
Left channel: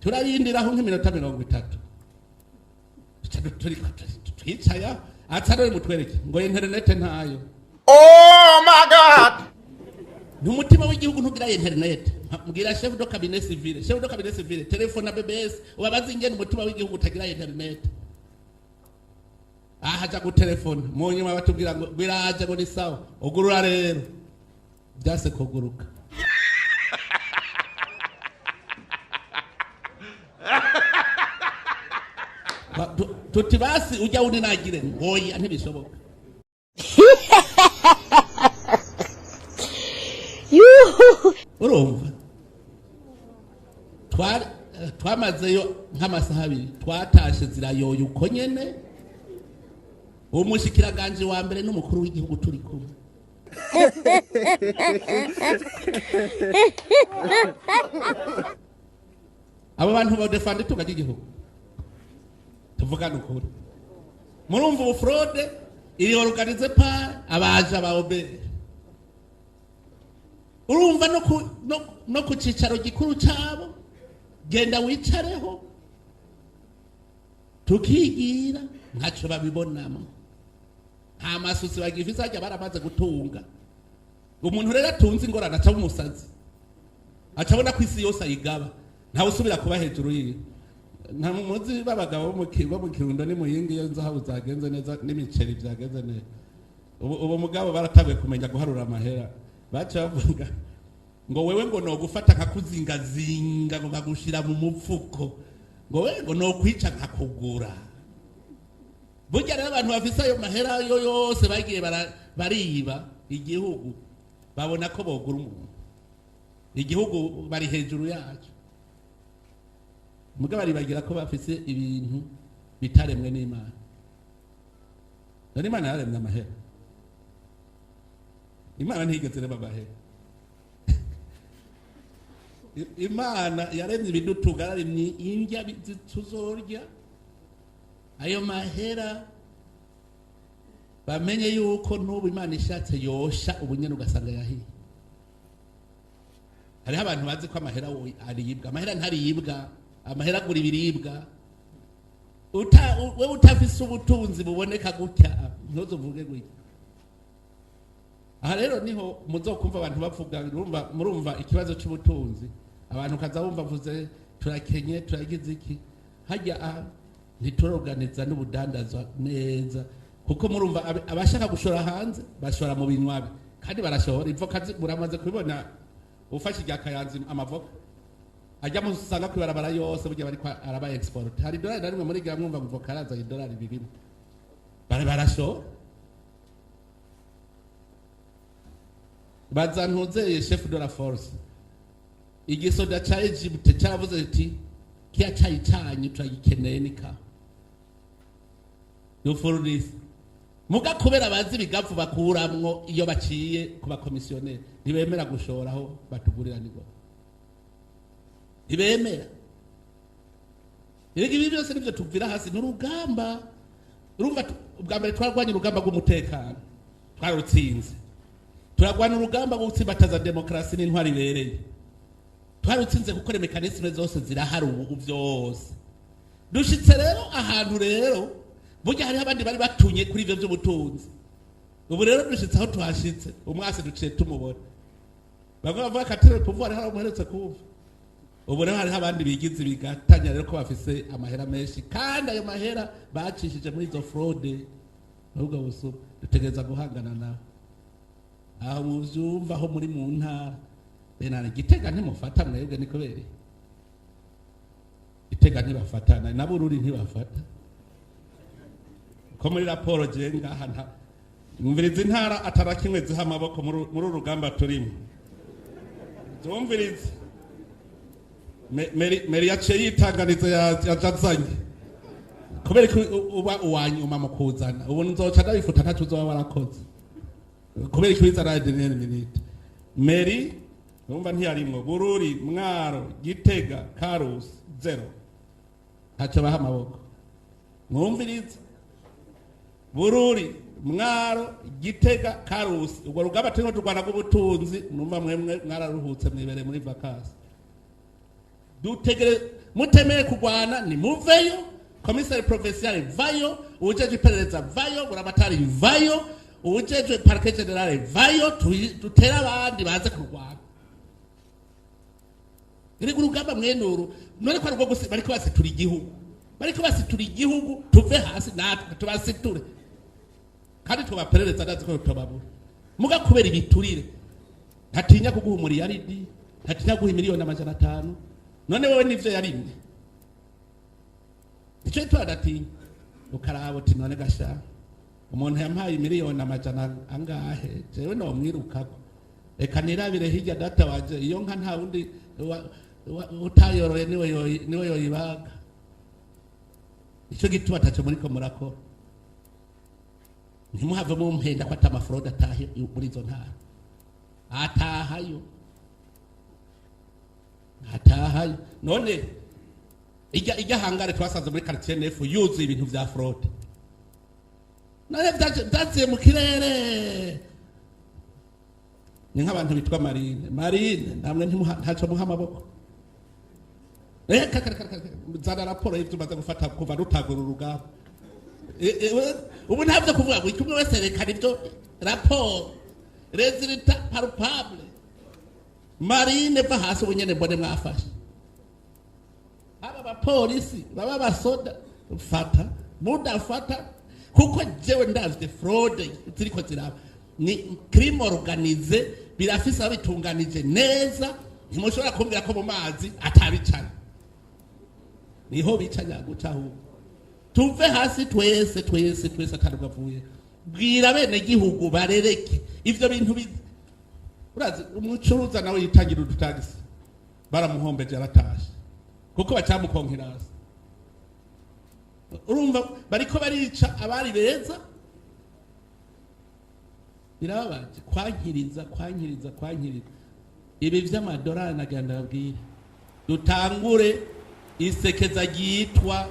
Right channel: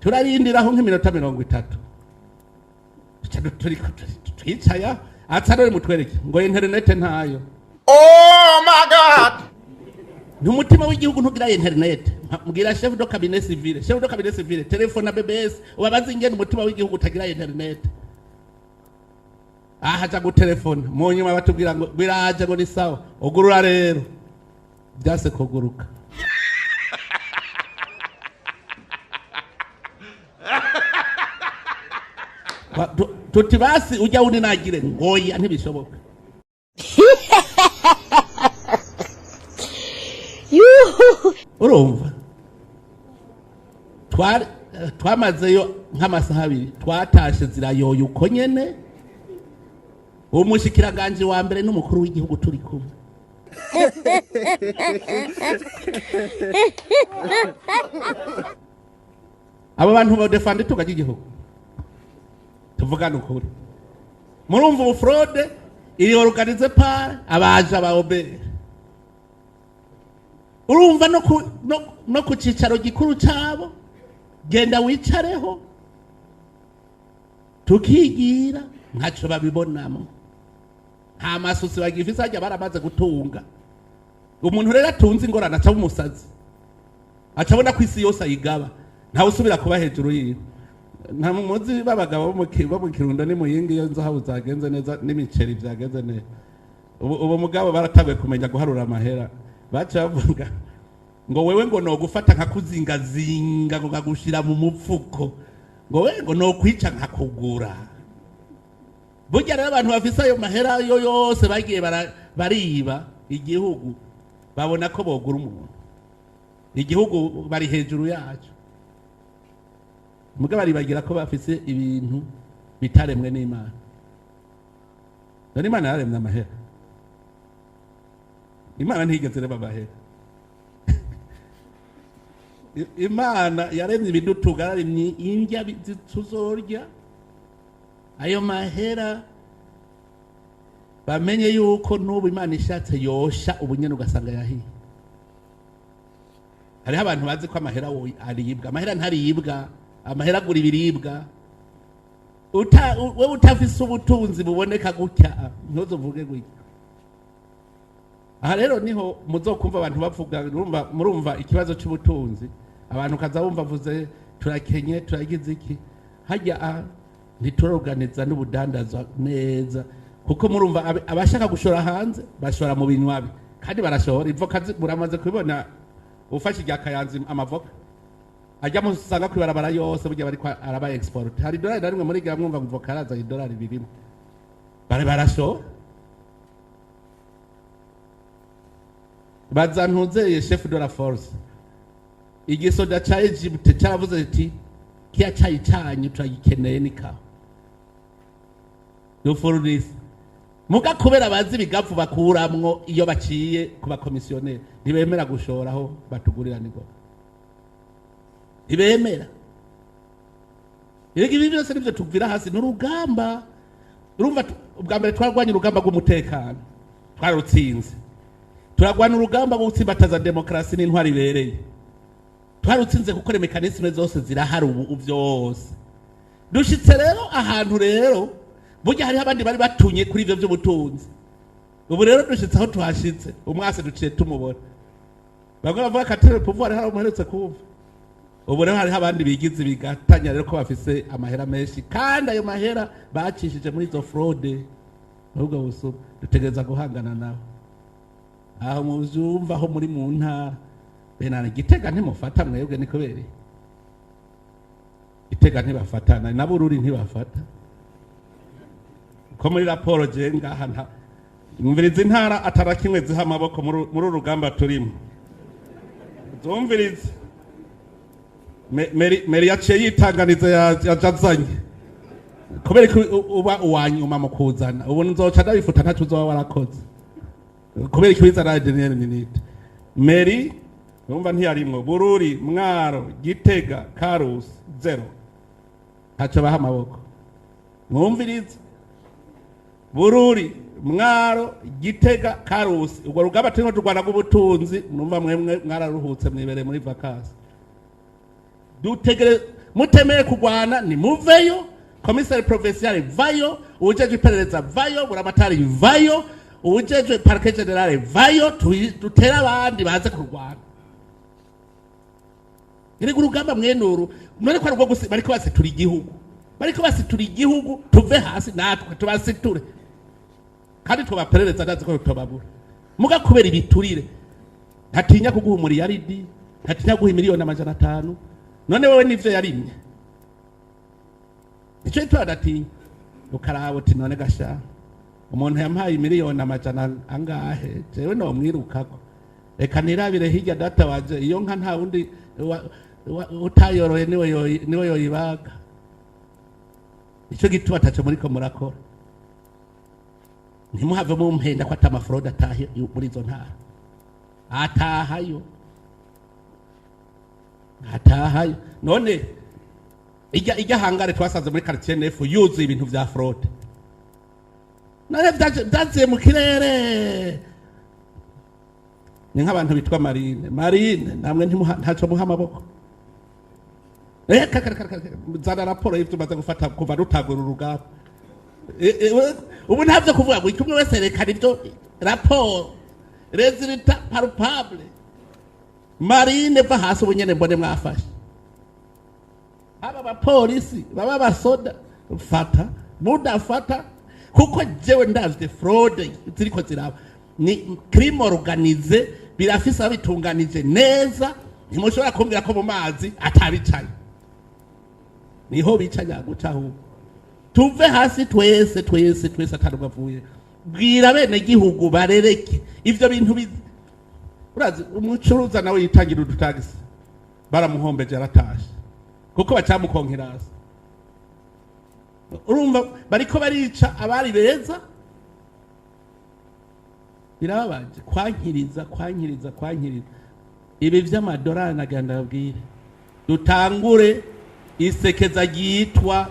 turarindiraho nk'iminota 30 twicaya atsarero mutwereke ngo internet ntayo Oh my God! n'umutima w'igihugu ntugira internet mbwira chef de cabinet civil telefone BBS ubabaza ingene umutima w'igihugu utagira internet ahaja ku telefone mu nyuma batubwira ngo biraje ngo ni sawa ugurura rero byase kuguruka tuti basi ujya undi nagire ngoya ntibishoboka urumva twamazeyo nk'amasaha abiri twatashe zirayoye uko nyene umushikiranganje wa mbere n'umukuru w'igihugu turi kumwe abo bantu badefande tugaje igihugu tuvugana ukuri murumva ubu fraude iri organize par abaje abaobere urumva no ku cicaro gikuru cabo genda wicareho tukigira ntaco babibonamo nta masusi bagifise ajya baramaze gutunga umuntu rero atunze ingorane aca umusazi acabona ko isi yose ayigaba ntawe usubira kuba hejuru yiwe nta muzi babagabo bo mu Kirundo ni muyingi iyo nzahabu zagenze neza n'imiceri byagenze neza ubu mugabo baratabe kumenya guharura amahera baca bavuga ngo wewe ngo no gufata nkakuzingazinga ngo ngagushira mu mupfuko ngo wewe ngo no kwica nkakugura burya rero abantu bafise ayo mahera yo yose bagiye bariba igihugu babona ko bogura umuntu igihugu bari hejuru yacu mugabo baribagira ko bafise ibintu bitaremwe n'Imana none Imana yaremye amahera Imana ntigeze reba amahera Imana yaremye ibintu tugarimye indya tuzorya ayo mahera bamenye yuko n'ubu Imana ishatse yosha ubunyene ugasanga yahiye hariho abantu bazi ko amahera aribwa amahera ntaribwa amahera agura ibiribwa wewe utafise ubutunzi buboneka gutya ntuzovuge gutya aha rero niho muzokumva abantu bavuga murumva ikibazo cy'ubutunzi abantu kaza bumva vuze turakenye turagize iki hajya ntitoroganiza n'ubudandaza neza kuko murumva abashaka gushora hanze bashora mu binwabi kandi barashora ivoka muramaze kubibona ufashe irya Kayanza amavoka ajya musanga kwibarabara yose burya bari araba export hari dolari na rimwe muri gira mwumva ngo karaza idolari birimo barashora bazantuze chef de la force igisoda cha Egypt cyaravuze ati kiya cyayi cyanyu turagikeneye nika yo for this muga kubera bazi bigafu bakuramwo iyo baciye kuba komisioneri ntibemera gushoraho batugurira nigo ibemera ibi byose nibyo tuvira hasi n'urugamba urumva ubwa mbere twarwanye urugamba rw'umutekano twarutsinze turagwana urugamba rwo gutsimbataza demokarasi n'intwari ibereye twarutsinze gukora mekanisme zose zirahari ubu byose dushitse rero ahantu rero burya hari abandi bari batunye kuri ivyo by'ubutunzi ubu rero dushitse aho tuhashitse umwase duciye tumubona bamwe bavuga katere pouvoir hari umuheretse kuva ubu rero hari abandi bigize bigatanya rero ko bafise amahera menshi kandi ayo mahera bacishije muri izo fraude nubwo buso dutegereza guhangana nabo aho muzumva aho muri mu ntara benana Gitega ntimufata mwebwe niko bereye Gitega ntibafatana na Bururi ntibafata ko muri raporo je ngaha nta umviriza intara atarakimwe ziha amaboko muri urugamba turimo zumviriza meri yaciye yitanganiza yajazanye kubera ko uba uwanyuma mu kuzana ubu nzoca ndabifuta ntacu uzoba warakoze kubera ko bizana general minute meri numva ntiyarimwo Bururi Mwaro Gitega Karusi 0 ntaco baha amaboko mwumviriza Bururi Mwaro Gitega Karusi ubwo rugaba turimo turwana rw'ubutunzi numva mwemwe mwararuhutse mwibere muri vacances dutegere mutemeye kugwana ni muveyo komisari provincial vayo ujeje iperereza vayo buramatari vayo ujeje parquet general vayo tutera abandi baze kurwana iri urugamba mwenuru none ko rwo gusi bariko basitura igihugu tuve hasi natwe tubasiture kandi tubaperereza ndazi ko tubabura muga kubera ibiturire ntatinya kuguha umuriyaridi ntatinya guha miliyoni 500 none wewe nivyo yarimye icyo itwadatinya ukaraba uti none gasha umuntu yampaye miliyoni 500 angahe jewe no mwirukako reka nirabire hirya data waje iyo nka nta wundi utayorohe niwe yoyibaga icyo gituma ataco muri ko murakora ntimuhave mumpenda ko atamafrode atahe muri izo ntara atahayo none ijya hangare twasanze muri quartier nefu yuzuye ibintu vya fraude none byaziye mu kirere ni nk'abantu bitwa marine namwe ntaco muha amaboko zana raporo y'ivyo umaze gufata kuva rutagura urugamba ubu ntavyo kuvuga ngo ikumwe wese rekana ivyo raporo resultat palpable marine va hasi ubunyene mbone mwafashe aba bapolisi baba basoda fata mudafata kuko jewe ndavye fraude ziriko ziraba ni crime organisé birafise abitunganije neza ntimushobora kumbwira ko mu mazi atabicanye niho bicanya gucaho tuve hasi twese atarukavuye bwira bene gihugu barereke ivyo bintu urazi umucuruza nawe yitangira udutagisi baramuhombeje aratashe kuko bacamukonkera hasi urumva bariko barica abari beza birababaje kwankiriza ibi vy'amadolari naganda babwire dutangure isekeza ryitwa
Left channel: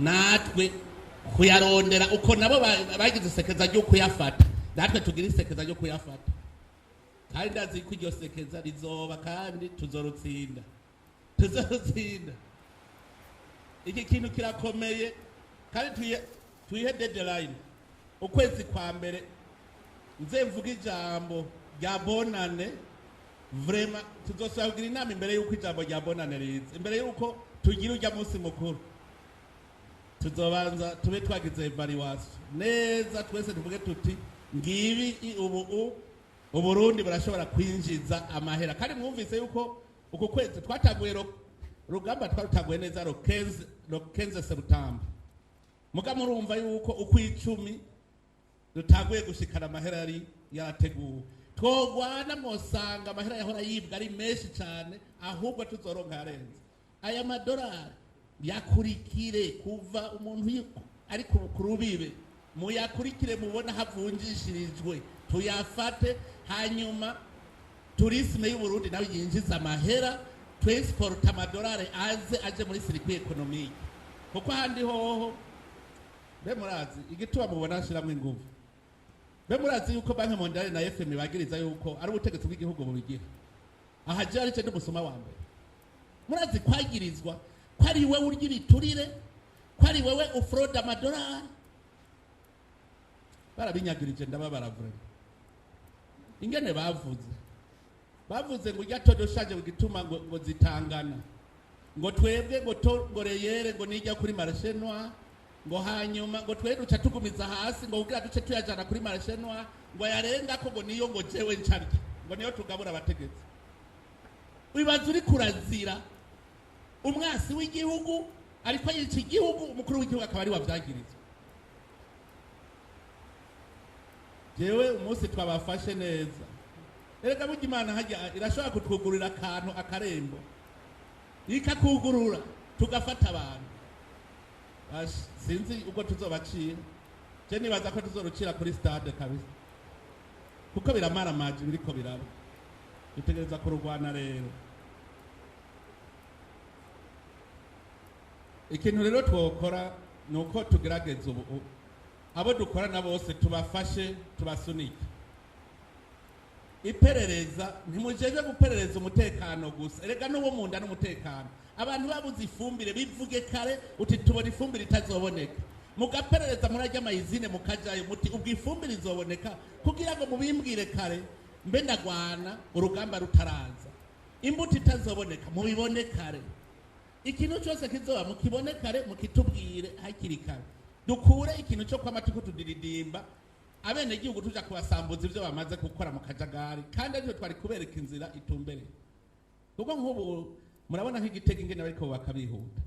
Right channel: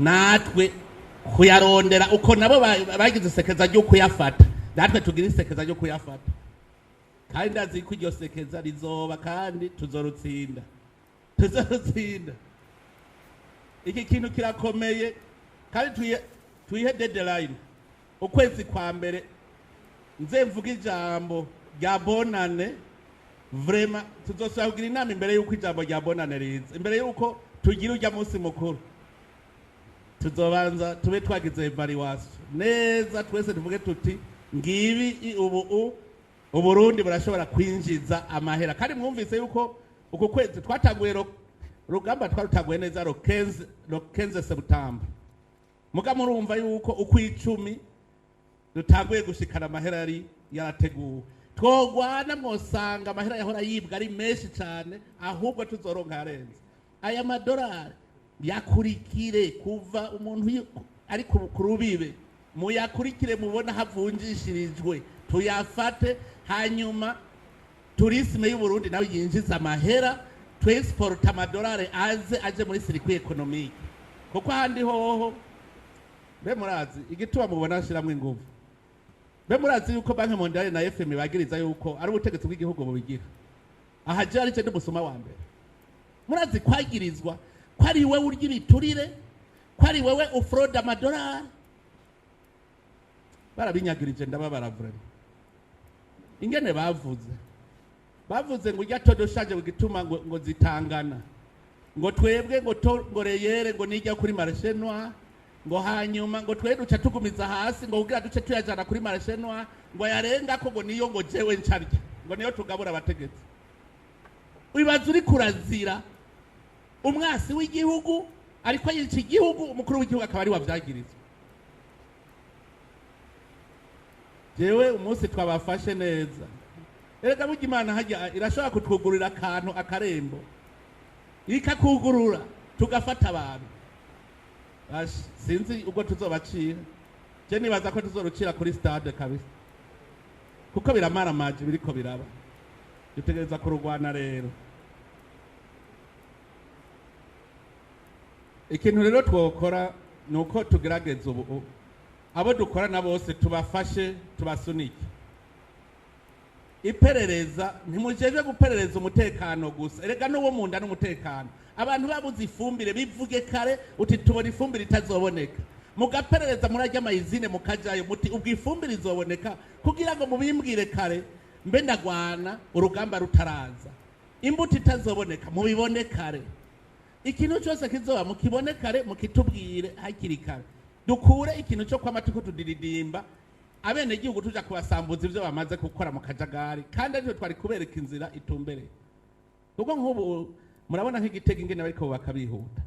natwe kuyarondera uko nabo bagize isekeza ryo kuyafata natwe tugira isekeza ryo kuyafata kandi ndazi ko iryo sekeza rizoba kandi tuzorutsinda iki kintu kirakomeye kandi tuyihe deadline ukwezi kwa mbere nze mvuga ijambo rya bonane vraiment tuzosaba kugira inama imbere y'uko ijambo rya bonane riza imbere y'uko tugira ujya munsi mukuru tuzobanza tube twagize evaluation neza twese tuvuge tuti ngibi uburundi burashobora kwinjiza amahera kandi mwumvise yuko uko kwezi twataguye rugamba twarutaguye neza ro 15 September muga murumva yuko uko 10 dutaguye gushikana amahera yari yarateguwe twogwana mwosanga amahera yahora yibwa ari menshi cyane ahubwo tuzoronka yarenze aya madolari yakurikire kuva umuntu ari ku rubibe muyakurikire mubona havunjishirijwe tuyafate hanyuma tourisme y'u Burundi nawe yinjiza amahera twexport amadolari aje muri circuit economique kuko handi hoho be murazi igituma mubona nshiramo ingufu be murazi yuko banki mondiale na FM bagiriza yuko ari ubutegetsi bw'igihugu bubigira aha je ari cyo musoma wa mbere murazi kwagirizwa ko ari wewe urya ibiturire ko ari wewe ufraude amadolari barabinyagirije ndababara vraiment ingene bavuze ngo ujya todo shaje bugituma ngo zitangana ngo twebwe ngo reyere ngo nijya kuri marché noir ngo hanyuma ngo twe duca tugumiza hasi ngo ugira duce tuyajana kuri marché noir ngo yarenga ko ngo niyo ngo jewe ncarya ngo niyo tugabura abategetsi wibaza uri kurazira umwasi w'igihugu ariko yica igihugu umukuru w'igihugu akaba ari wavyagirizwa jewe umunsi twabafashe neza erega burya Imana hajya irashobora kutwugurira akantu akarembo ikakugurura tugafata abantu sinzi ubwo tuzobacira je nibaza ko tuzorucira kuri stade kabisa kuko biramara maji biriko biraba dutegereza kurugwana rero ikintu rero twokora nuko tugerageza ubu abo dukorana bose tubafashe tubasunike iperereza ntimujeje guperereza umutekano gusa erega n'uwo munda n'umutekano abantu babuze ifumbire bivuge kare uti tubona ifumbire itazoboneka mugaperereza murajya amayizine mukajayo muti ubwo ifumbire izoboneka kugira ngo mubimbwire kare mbe ndagwana urugamba rutaraza imbuto itazoboneka mubibone kare ikintu cyose kizoba mukibone kare mukitubwire hakiri kare dukure ikintu cyo kwamatuko tudiridimba abene gihugu tuja kubasambuza ivyo bamaze gukora mu kajagari kandi ariko twari kubereka inzira itumbere kuko nk'ubu murabona nk'igitego ingene bariko bakabihuta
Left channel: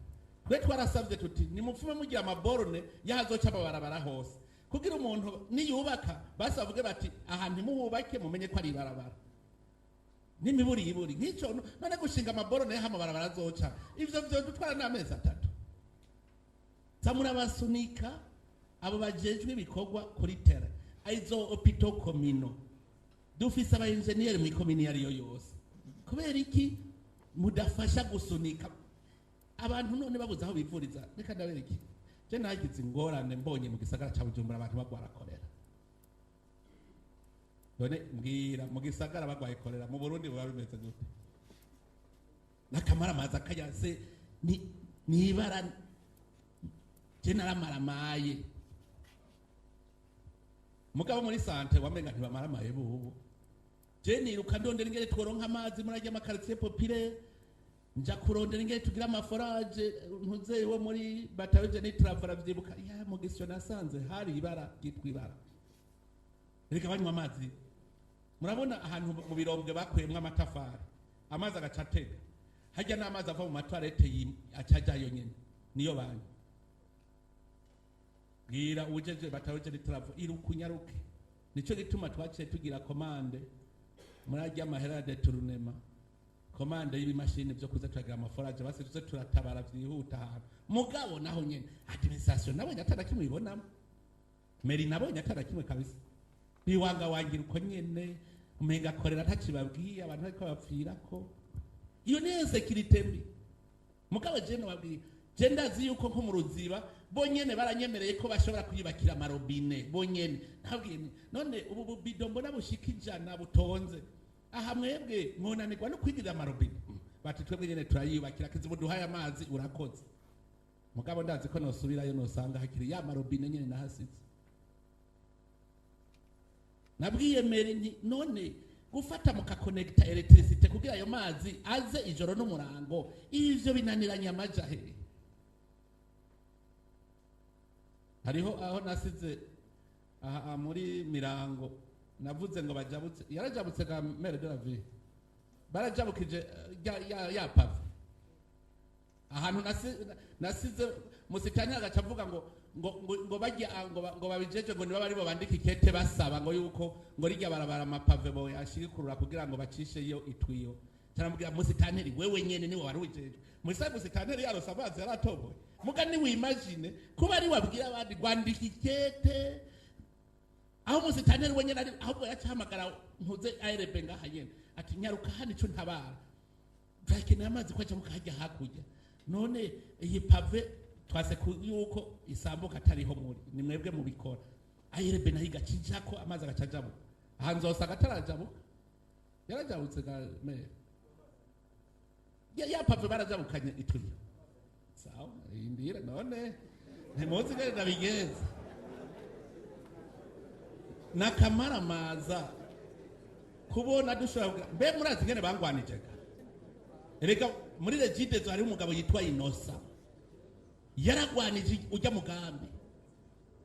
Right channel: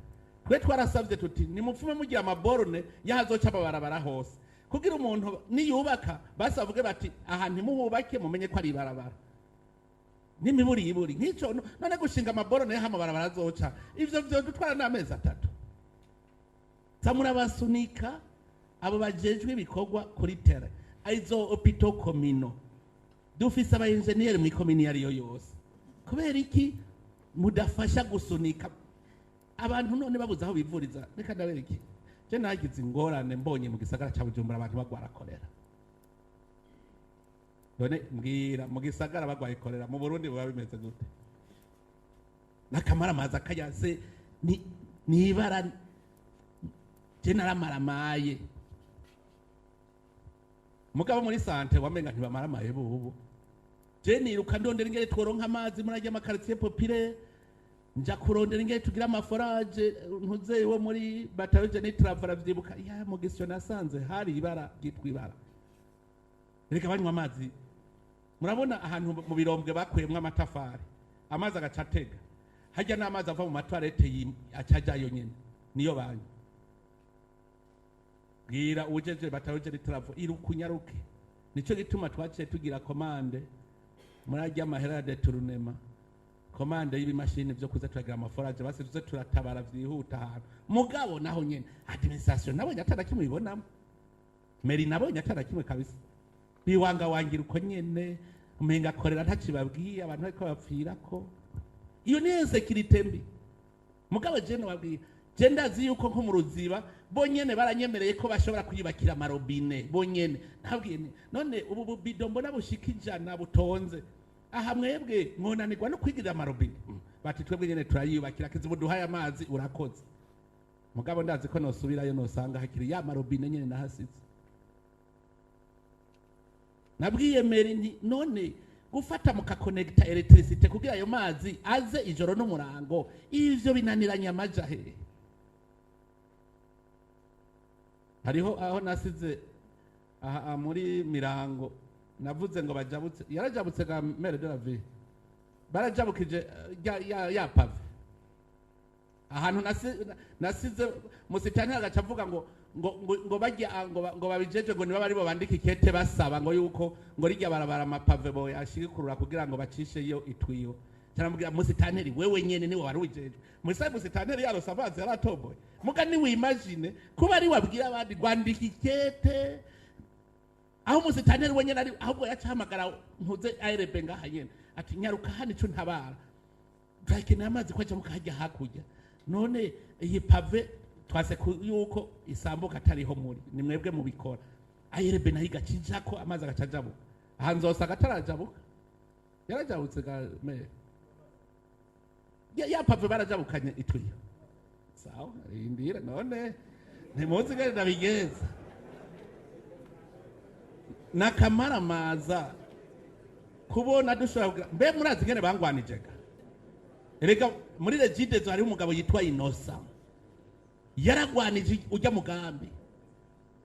twe twarasavye tuti nimupfume mugira amaborone yahazoca amabarabara hose kugira umuntu niyubaka basavuge bati aha ntimuhubake mumenye ko ari ibarabara n'imiburi nk'ico none gushinga amaborone y'amabarabara azoca ivyo dutwara n'amezi 3 zamura basunika abo bajejwe ibikorwa kuri terre aizo opito komino dufise aba engineer mu komini yari yose kubera iki mudafasha gusunika abantu none babuze aho bivuriza reka ndabere iki je nagize ingorane mbonye mu gisagara cya Bujumbura abantu bagwara kolera none mbwira mu gisagara bagwaye kolera mu Burundi baba bimeze gute nakamara amazi akayaze ni ibara je naramaramaye mugabo muri sante wamenga ntibamaramaye bubu je niruka ndondera ingere tworonka amazi murajya amakaritiye popire nja kurondera ingere tugira amaforage ntuze wo muri batayoje ni travara vyibuka ya mu gisyo nasanze hari ibara gitwa ibara reka banywa amazi murabona ahantu mu birombwe bakwemwe amatafari amazi agacatega hajya n'amazi ava mu matwarete acajayo nyene niyo banyu bwira ujeje batayoje ni travo irukunyaruke nico gituma twaciye tugira komande murajya amahera de turunema komande y'ibimashini byo kuza turagira amaforage basi tuze turatabara vyihuta ahantu mugabo naho nyene administration nabonye atana kimwe ibonamo meri nabonye atana kimwe kabisa biwanga wangira uko nyene umenga korera ntacibabwiye abantu bariko bapfira ko iyo ni insecurity mbi mugabo je no babwiye je ndazi yuko nko mu Ruziba bonyene baranyemereye ko bashobora kuyibakira amarobine bonyene ntabwiye none ubu bubido mbona bushika ijana butonze aha mwebwe mwonanirwa no kwigirira amarobine bati twebwe nyene turayibakira kizi buduhaye amazi urakoze mugabo ndazi ko nosubirayo nosanga hakiri ya marobine nyene nahasize nabwiye meri none gufata mukakonekta electricity kugira ayo mazi aze ijoro n'umurango ivyo binaniranya amajahe hariho aho nasize aha muri Mirango navuze ngo bajabutse yarajabutse ga mere de la vie barajabukije ya pave ahantu nasize musitani agacavuga ngo bajya ngo babijeje ngo niba bari bo bandika ikete basaba ngo yuko ngo rijya barabara amapave bo yashigikurura kugira ngo bacishe iyo itwiyo cyarambwira musitaneri wewe nyene ni wari wijeje musa musitaneri yarose amazi yaratoboye muga ni wimagine kuba ari wabwira abandi gwandika ikete aho musitaneri wenyene ari ahubwo yacahamagara ntuze ARB ngaha nyene ati nyaruka hano ico ntabara twakeneye amazi kwaca mukajya hakurya none iyi pave twase yuko isambuka atariho muri ni mwebwe mubikora ARB nayo igacinjako amazi agacajabuka aha nzosa agatarajabuka yarajabutse ga me ya pave barajabukanye itwiyo sawa indira none ntimuzi gari nabigeza nakamara maza kubona dushobora mbe murazi ngene bangwanijega erega muri Ry'abarundi hari umugabo yitwa Inosa yaragwanije ujya mugambi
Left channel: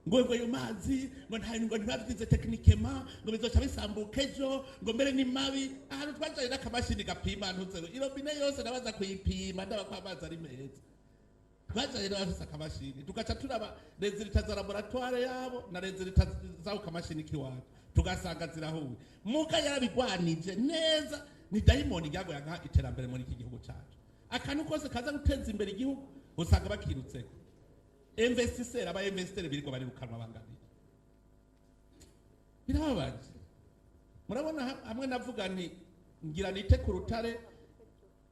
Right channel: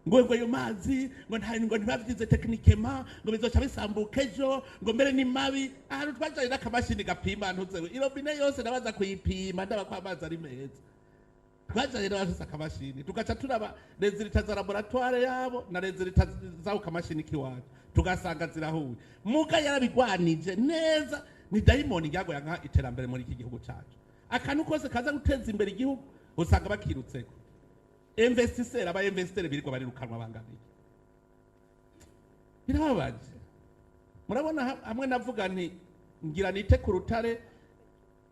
ngo ayo mazi ngo ntibavyize techniquement ngo bizoca bisambuka ejo ngo mbere ni mabi ahantu twajaye n'akamashini gapima ntuzewe irobine yose nabaza kuyipima ndaba ko amazi ari meza twajaye n'abafise akamashini tugaca turaba resultat za laboratoire yabo na resultat za ukamashini kiwanje tugasanga zirahuye muga yarabigwanije neza ni daimoni ryago yanka iterambere muri iki gihugu cyacu akantu kose kaza guteza imbere igihugu usanga bakirutseko investisseur aba investisseur biriko barirukanwa bangabiri birababaje murabona hamwe navuga nti ngira nite ku rutare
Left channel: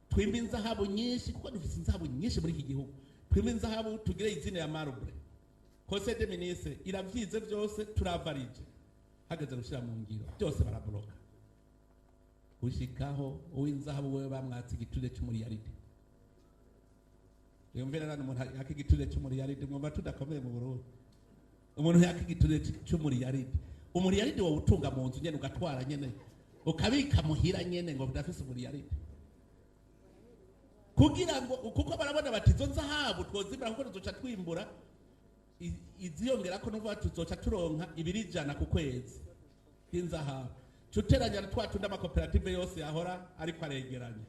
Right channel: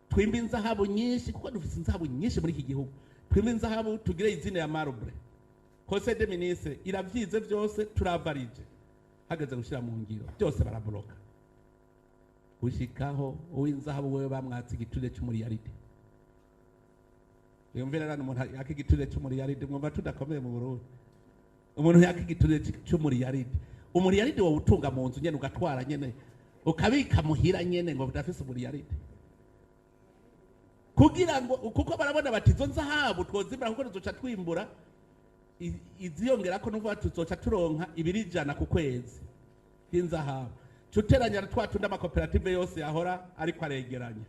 twimba inzahabu nyinshi kuko dufite inzahabu nyinshi muri iki gihugu twimba inzahabu tugire izina ya marble conseil des ministres iravyize byose turavarije hageze gushira mu ngiro byose barabloka ushikaho uw'inzahabu wewe bamwatse igiture cy'umuriyaride yumvira rano umuntu akigiture cy'umuriyaride mwumva tudakomeye mu Burundi umuntu yakigiture cy'umuriyaride umuriyaride wo utunga mu nzu nyene ugatwara nyene ukabika muhira nyene ngo budafise umuriyaride kugira ngo kuko barabona bati zo nzahabu twozibira kuko tuzoca twimbura iziyongera ko numva tuzoca turonka ibirijana ku kwezi y'inzahabu cuteranya twatunda amakoperative yose yahora ariko aregeranya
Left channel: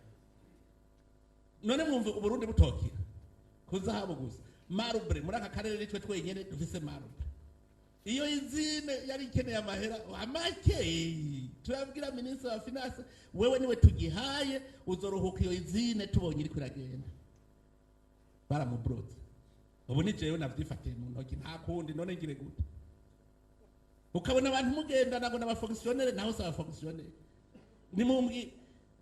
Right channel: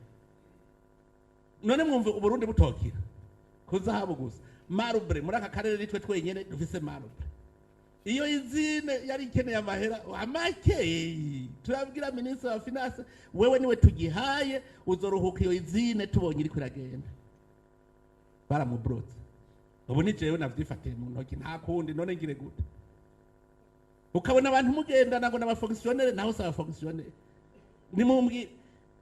none mwumva Uburundi butokira kuzahabu gusa marble muri aka karere nitwe twenyene dufise marble iyo izine yari ikeneye amahera amake turabwira ministre wa finance wewe niwe tugihaye uzoruhuka iyo izine tubonye iri kuragenda baramubrotse ubu ni jewe navyifatiye mu ntoki nta kundi none ngire gute ukabona abantu mugenda ngo n'abafonctionnaire naho saba fonctionnaire ni mumbwi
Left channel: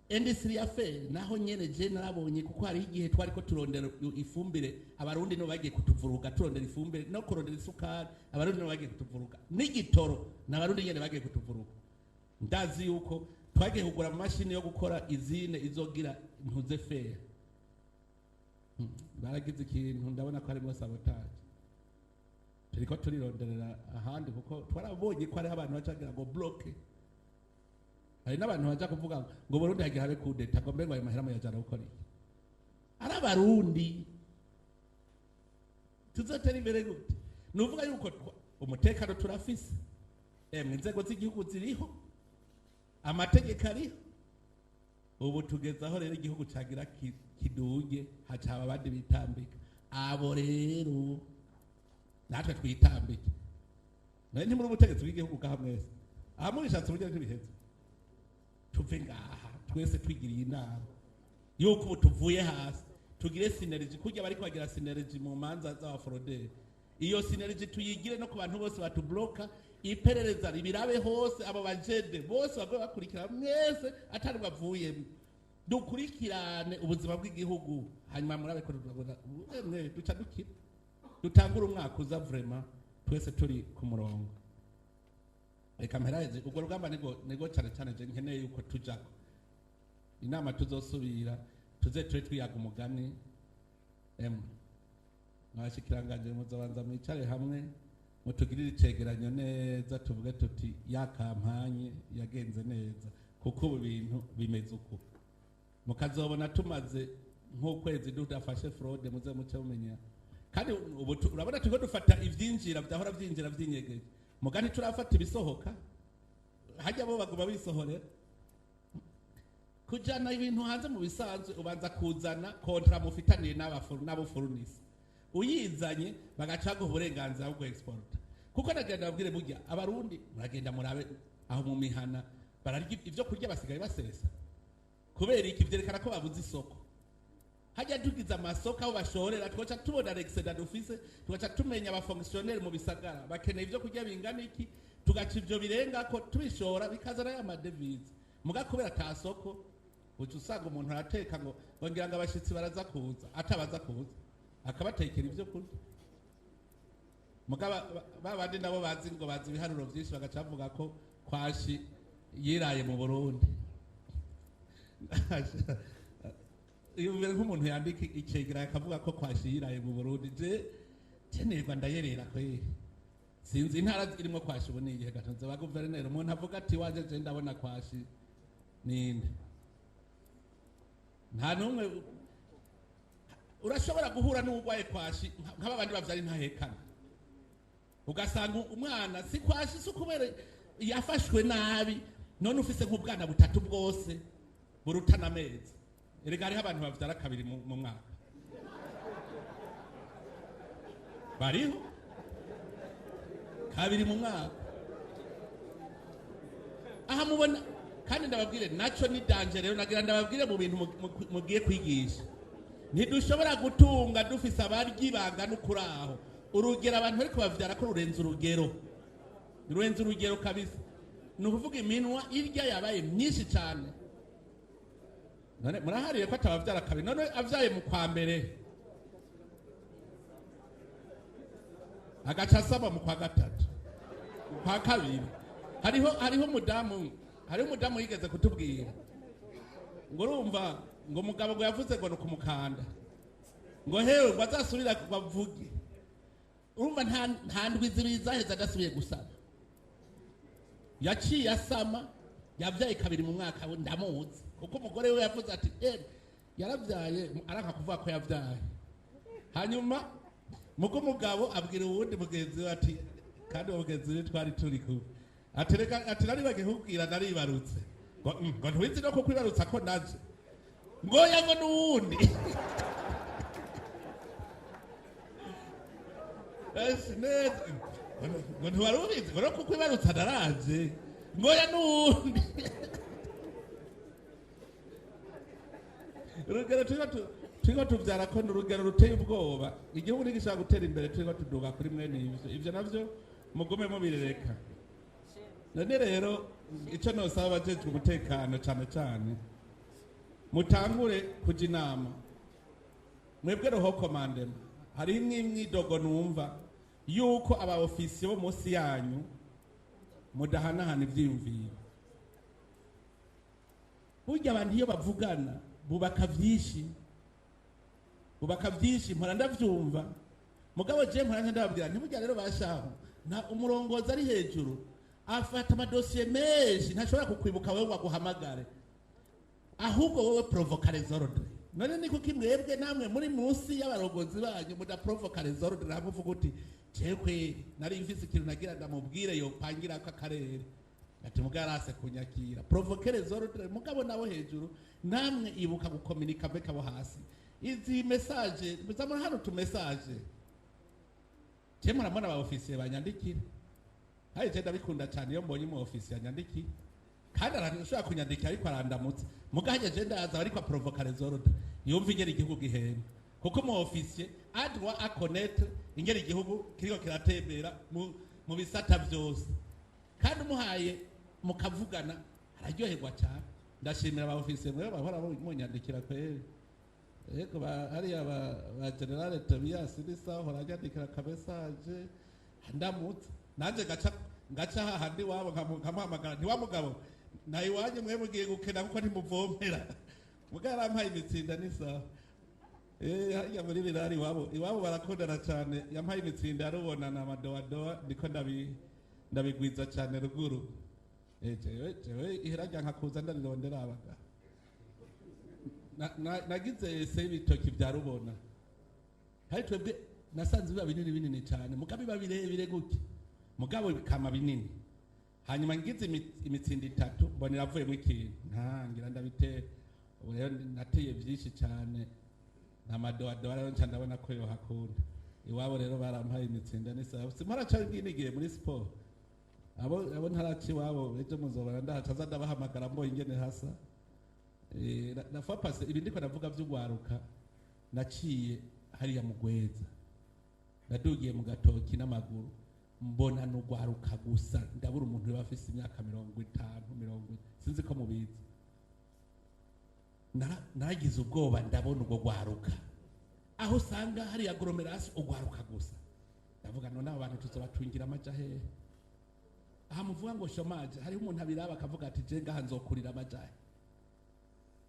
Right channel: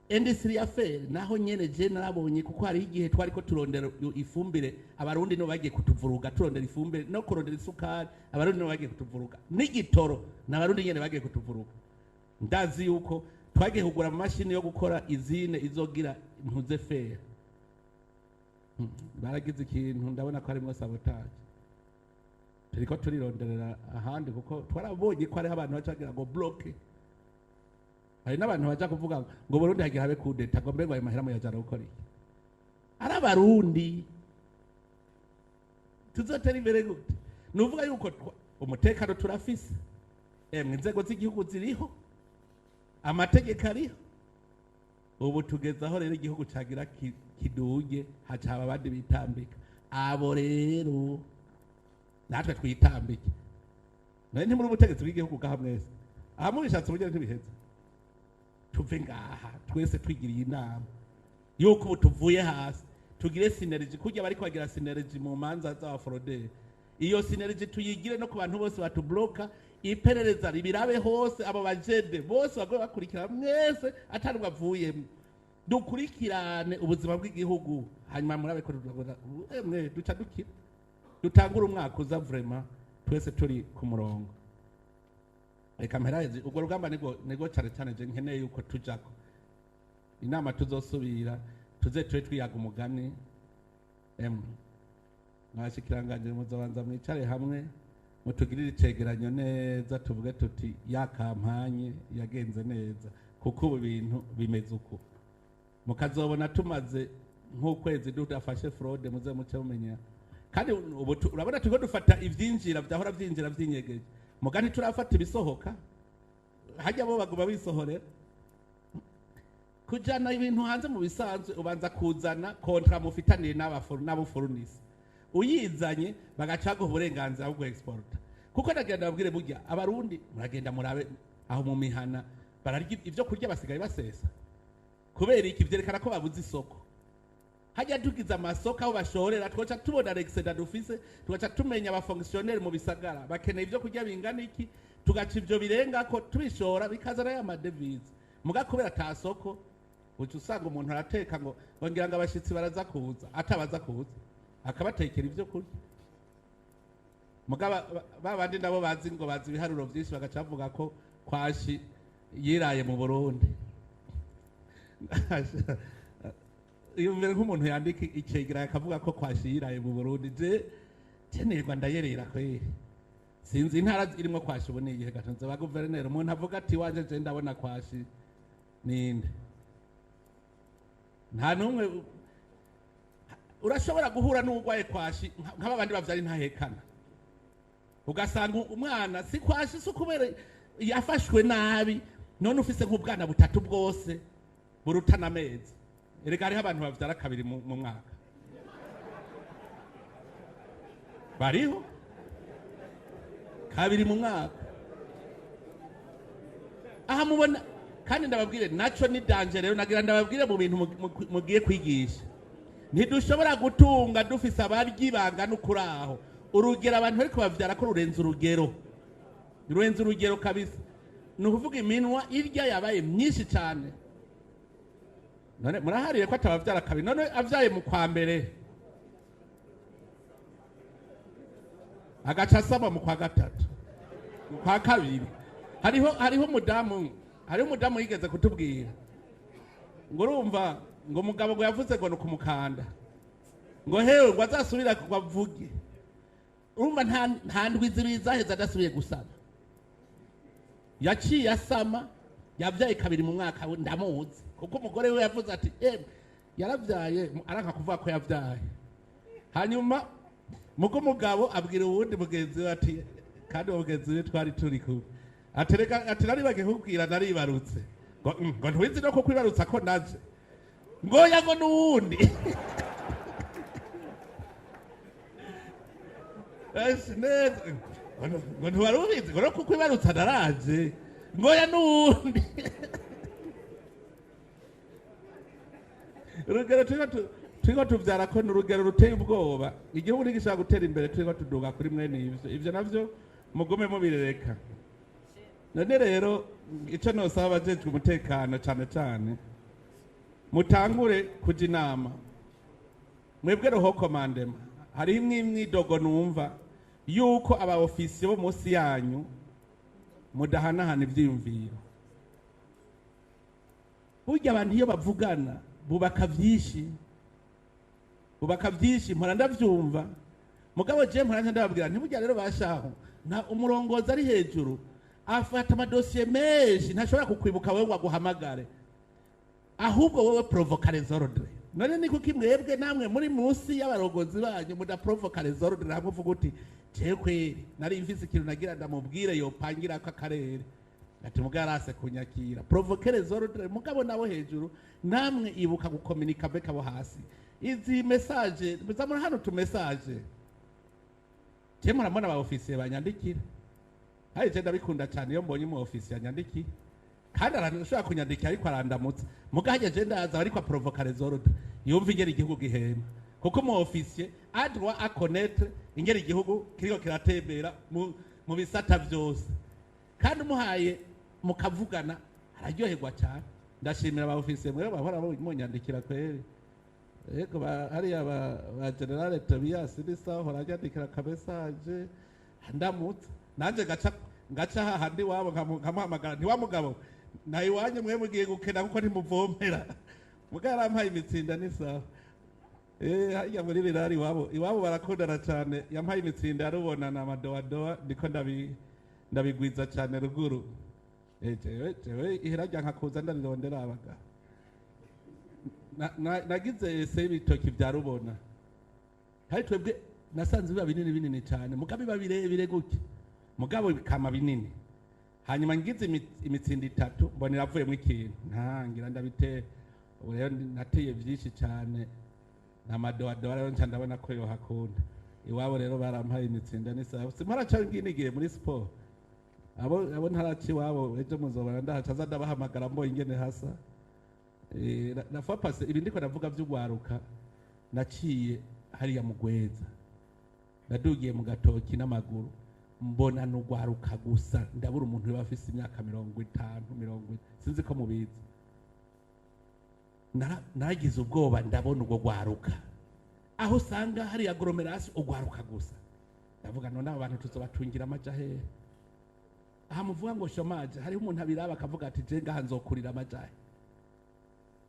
industry affaire naho nyene je narabonye kuko hari igihe twari ko turondera ifumbire abarundi no bagiye kutuvuruga turondera ifumbire no kurondera isukari abarundi no bagiye kutuvuruga n'igitoro n'abarundi nyene bagiye kutuvuruga ndazi yuko twagiye kugura amashini yo gukora izine izogira impuze fera baragize ikintu ndabona ko harimo sabotage turiko turironderera ahandi kuko twarabonye ko hariho abantu bacagira ngo bloke hari n'abantu baja kuvuga ngo Burundi hagira habe kudeta ngo mbego ayo mahera muyajana gukora iki ari abarundi tuzotera imbere gute nuvuga yuko umutekano turafise inzego z'igihugu ziriho amategeko ariho ubu tugezaho rero igihugu cagira kiduge hacaba abandi bitambika abo rero natwe twitambike naye ntimuri ubutegetsi bw'igihugu bwaha mwese aha mubishatse uburyo ntibiheze tuve ngaha twese twigiriye inama yuko ubu tuvuye hasi tugire synergy kujya bari kwagira synergy mu manza z'abaforoderi iyo synergy tuyigire no ku bantu bose batubloka iperereza ribirabe hose abo bajede bose bagwe bakurikira mwese atari bavuyemo dukurikirane ubuzima bw'igihugu hanyuma murabe ko mwe duca dukira dutangura umwaka uza vraiment twese turi ku murongo reka mperaheze ubwo rugamba nego cyane cyane je nkeneye yuko tujako inama tuzosubira tuze twiyaga umugani mwashikiranganje muzobanza mwicare hamwe mutugirire icegeranyo neza tuvuge tuti ya kampanye yagenze neza kuko ubu bintu bimeze uko mukazobona tumaze nk'ukwezi dudafashe fraude muze muce mumenya kandi ubu urabona turiko dufata ivyinjira byahora vyinjira vyinyegeje mugani turafata ibisohoka hajya bo baguma bisohorera kujana ibintu hanze mu bisanzwe ubanza kuzana kontra mufitaniye n'abufurunisi uyizanye bagacaga uburenganzira bwo export kuko ndagenda babwire burya abarundi muragenda murabe aho mu mihana bararya ivyo kurya basigaye basesa kubera iki vyerekana ko babuze isoko hajya tugize amasoko aho bashorera twaca tubona excedent dufise tugaca tumenya aba fonctionnaire mu bisagara bakeneye ivyo kurya bingana iki tugaca ivyo birenga ko tubishora bikazana ya madevize muga kubera ta soko uca usanga umuntu arateka ngo ngira ngo abashitsi baraza kuza atabaza kuza akabatekera ivyo kurya muga babandi nabo bazi ngo bazi ibiharuro vyinshi bagaca bavuga ko kwashi yiraye mu Burundi iyo mbere nk'umuntu yandika icegera akavuga ko kwashi yiraye mu Burundi je nerwa ndayerera kwe sinzi intara zirimo kwashi ubu nigihe gatonze ba guverineri umuntu avuga ati waje je ndabona kwashi ninde nta numwe urashobora guhura n'ugwaye kwashi nk'abandi bavyari ntahekana ugasanga umwana si kwashi si kubera yafashwe nabi none ufise nk'ubwana butatu bwose burutana amezi erega hariho abantu bavyara kabiri mu mwaka bariho kabiri mu mwaka aha mubona kandi ndababwire naco ni danger rero nagira ndababwire mu bintu mugiye kwigisha ntidushobora gutunga dufise abaryi bangana ukuraho urugero abantu bari kubavyara ko rurenze urugero kabisa ni ukuvuga iminwa irya yabaye myinshi cyane none murahariye ko atabavyara kabiri none avyaye mu kwa mbere agaca asaba mu kwa gatatu kwa kabiri hariho umudamu yigeze kutubwira ngo urumva ngo mugabo ngo yavuze ngo nukumukanda ngo hewe ngo azasubira kubavuge urumva nta ndwi zibiri zaheze adasubiye gusaba yaciye asama yavyaye kabiri mu mwaka ndamuzi kuko umugore we yavuze ati yaravyaye aranka kuvuga ko yavyaye hanyuma muko umugabo abwira uwundi mugenzi we ati kandi mugenzi we twari turi kumwe ati naribagiye kukubwira naribarutse ngo ntiwizi no kuko ibarutsa ko naje ngoya ngo n'uwundi ngo ntiwari ubizi ngo no kuko ibarutsa naraje ngoya n'uwundi urugero turiko tuvyara ko ni urugero ruteye ubwoba igihugu ntigishobora gutera imbere turiko tuduga kuri mwene ivyo navyo mugume mubirereka none rero ico nosaba abajejwe umutekano cane cane mutangure kuja inama mwebwe roho komandema hari imwidogo numva yuko aba ofisiye bo munsi yanyu mudahanahana ivyiyumviro. Burya abantu iyo bavugana bubaka vyinshi mpora ndavyumva mugabo je mpora ndababwira ntiburya rero bashaho nta umurongozi ari hejuru afata amadosiye menshi ntashobora kukwibuka wewe waguhamagare ahubwo wowe provoca les ordres. None ni kuki mwebwe namwe muri munsi y'abarongozi banyu mudaprovoca les ordres nakuvuga uti cekwe nari mfise ikintu nagira ndamubwire yopangira ko akarere ati mugarase kunyakira provoquer les ordres mugabo nabo hejuru namwe ibuka gukomunika beka bo hasi izi message muzamura hano tu message je muramona aba ofisiye banyandikira hari je ndabikunda cyane iyo mbonye mu ofisiye yanyandikira kandi arashobora kunyandikira ariko arandamutse mugaje je ndaza ariko provoquer les ordres yumva ingeri igihugu gihema kuko mu ofisiye adwa a connaître ingeri igihugu kiriko kiratembera mu bisata byose kandi umuhaye mukavugana araryoherwa cyane. Ndashimira aba ofisiye mwe bahora munyandikira kweri yego hari aba general Tobias nisa hora yandikira ka message ndamutse nanje gaca hahandi wabo nkamuhamagara nti wa mugabo nayi wanye mwe mugiye gukena kuko ntimuvomera mugara ampaye imitsinda nisa hariya muri birari iwabo barakundana cyane yampaye imitsinda yarubona na madowadowa ndiko ndabigwiza cyane ruguru jewe ihirajya nkakuza ndarondera abaga nagize ese ibitoki bya rubona hari twebwe nasanze biba binini cyane mugabo biba birebire gutya mugabo bikama binini hanyuma ngize imitsinda itatu mbona iravuyemo ikintu ntangira ndabite ubu rero nateye byinshi cyane namadowadowa rero nca ndabona ko yohakunda iwabo rero barampaye imitsinda n'isaha simaraca nginigiye muri siporo abo ntaraci iwabo ejo muzobona ndahaca ndabahamagara mbo ingene hasa nafa pase ibi ndiko ndavuga vy'ugwaruka naciye hariya mugweza nadugiye mu gatoki n'amaguru mbona n'ugwaruka gusa ndabura umuntu bafise imyaka 50 40 sinzi ko mubizi naragize ubwoba ndabona ubwo gwaruka aho usanga hari aglomeration ugwaruka gusa ndavuga none abantu tuzobatungira amajahe aha muvuga ngo shomaje hari umuntu abiraba akavuga ati je ngaha nzokurira amajahe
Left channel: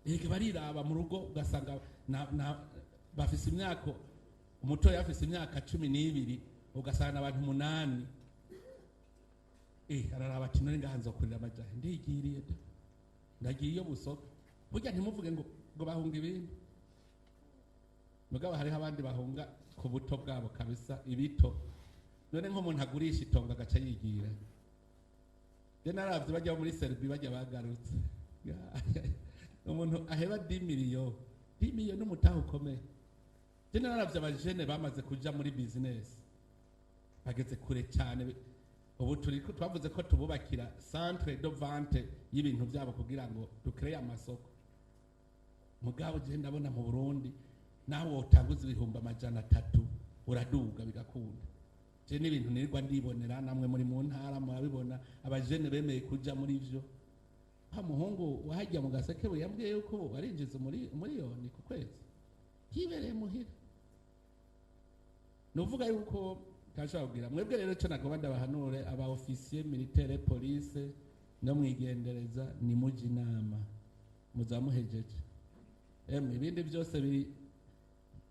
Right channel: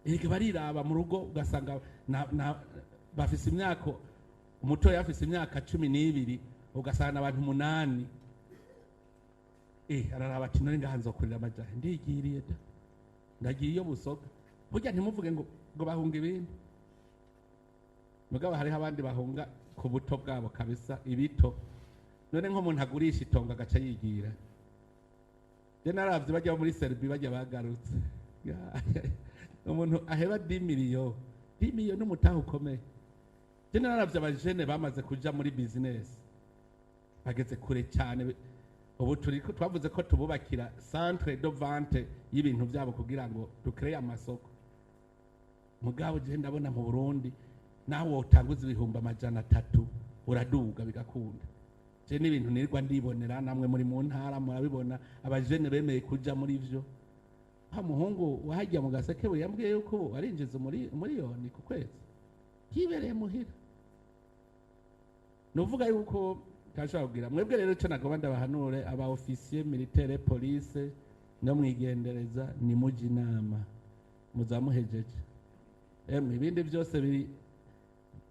ege bariraba mu rugo ugasanga bafise imyaka umuto yafise imyaka 12 ugasanga abantu 8 araraba ati none ngaha nzokurira amajahe ndigiriye ndagiye iyo busoka burya ntimuvuge ngo bahunga ibintu mugabo hariho abandi bahunga ku buto bwabo kabisa ibito none nk'umuntu agurisha itonga agaca yigira je naravye bajya muri Serbia bajya bagarutse umuntu aheba 10 miliyo n'umutaha ukomeye je naravye abajene bamaze kuja muri business bageze kure cyane ubu turiko twavuze ko tububakira centre de vente y'ibintu byabo kugira ngo dukreye amasoko mugabo je ndabona mu Burundi naho utanguza ibihumbi 300 uraduga bigakunda je n'ibintu nirwa ndibonera namwe muri mu ntara murabibona abajene bemeye kuja muri ivyo muhungu wahajya mu gaseke yambwiye yuko arinjiza muri yoni ku kwezi kibereye muhira novuga yuko kashobora kugira mwebwe rero cyo nagomba ndabahanure aba officier militaire police no mwigendereza ni muji inama muzamuhejeje ibindi byose biri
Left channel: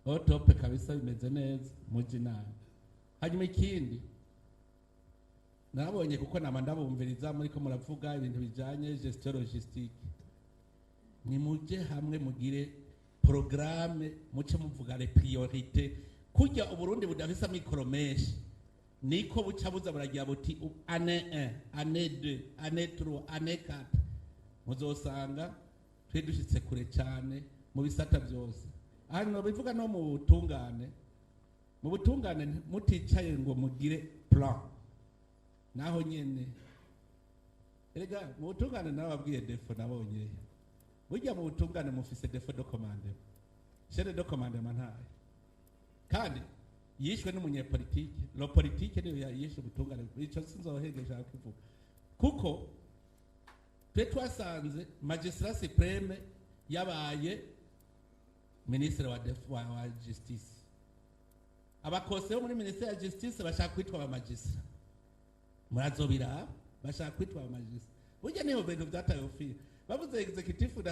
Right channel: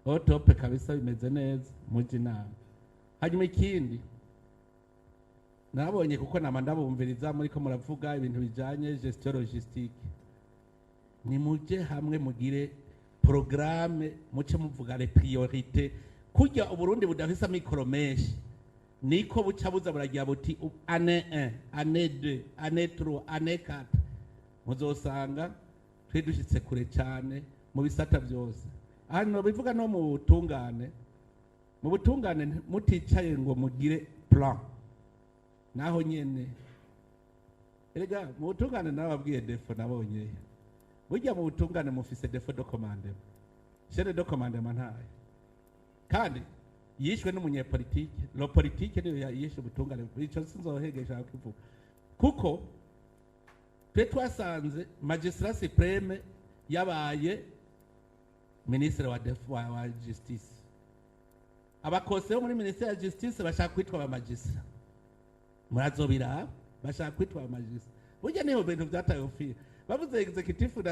otope kabisa bimeze neza muji inama. Hanyuma ikindi nabonye kuko ndabumviriza muri ko muravuga ibintu bijanye gestion logistique ni muje hamwe mugire programme muce muvuga les priorités kujya Uburundi budafisa mikoro menshi niko buca buza buragira buti année 1 année 2 année 3 année 4 muzosanga twe dushitse kure cyane mu bisata byose hano bivuga no mu butungane muticaye ngo mugire plan naho nyene erega mu butungane nababwiye defo nabonye burya mu butungane mufise defo de commandement chef de commandement ntaye kandi yishwe n'umunyepolitike lo politique niyo yishe ubutungane bico sinzohegesha kuvuga kuko twe twasanze magistrat supreme yabaye ministre wa justice. Abakose bo muri ministre ya justice bashaka kwitwa abamagistra. Murazobira bashaka kwitwa abamagistra. Burya niho bintu byataye office. Bavuze executive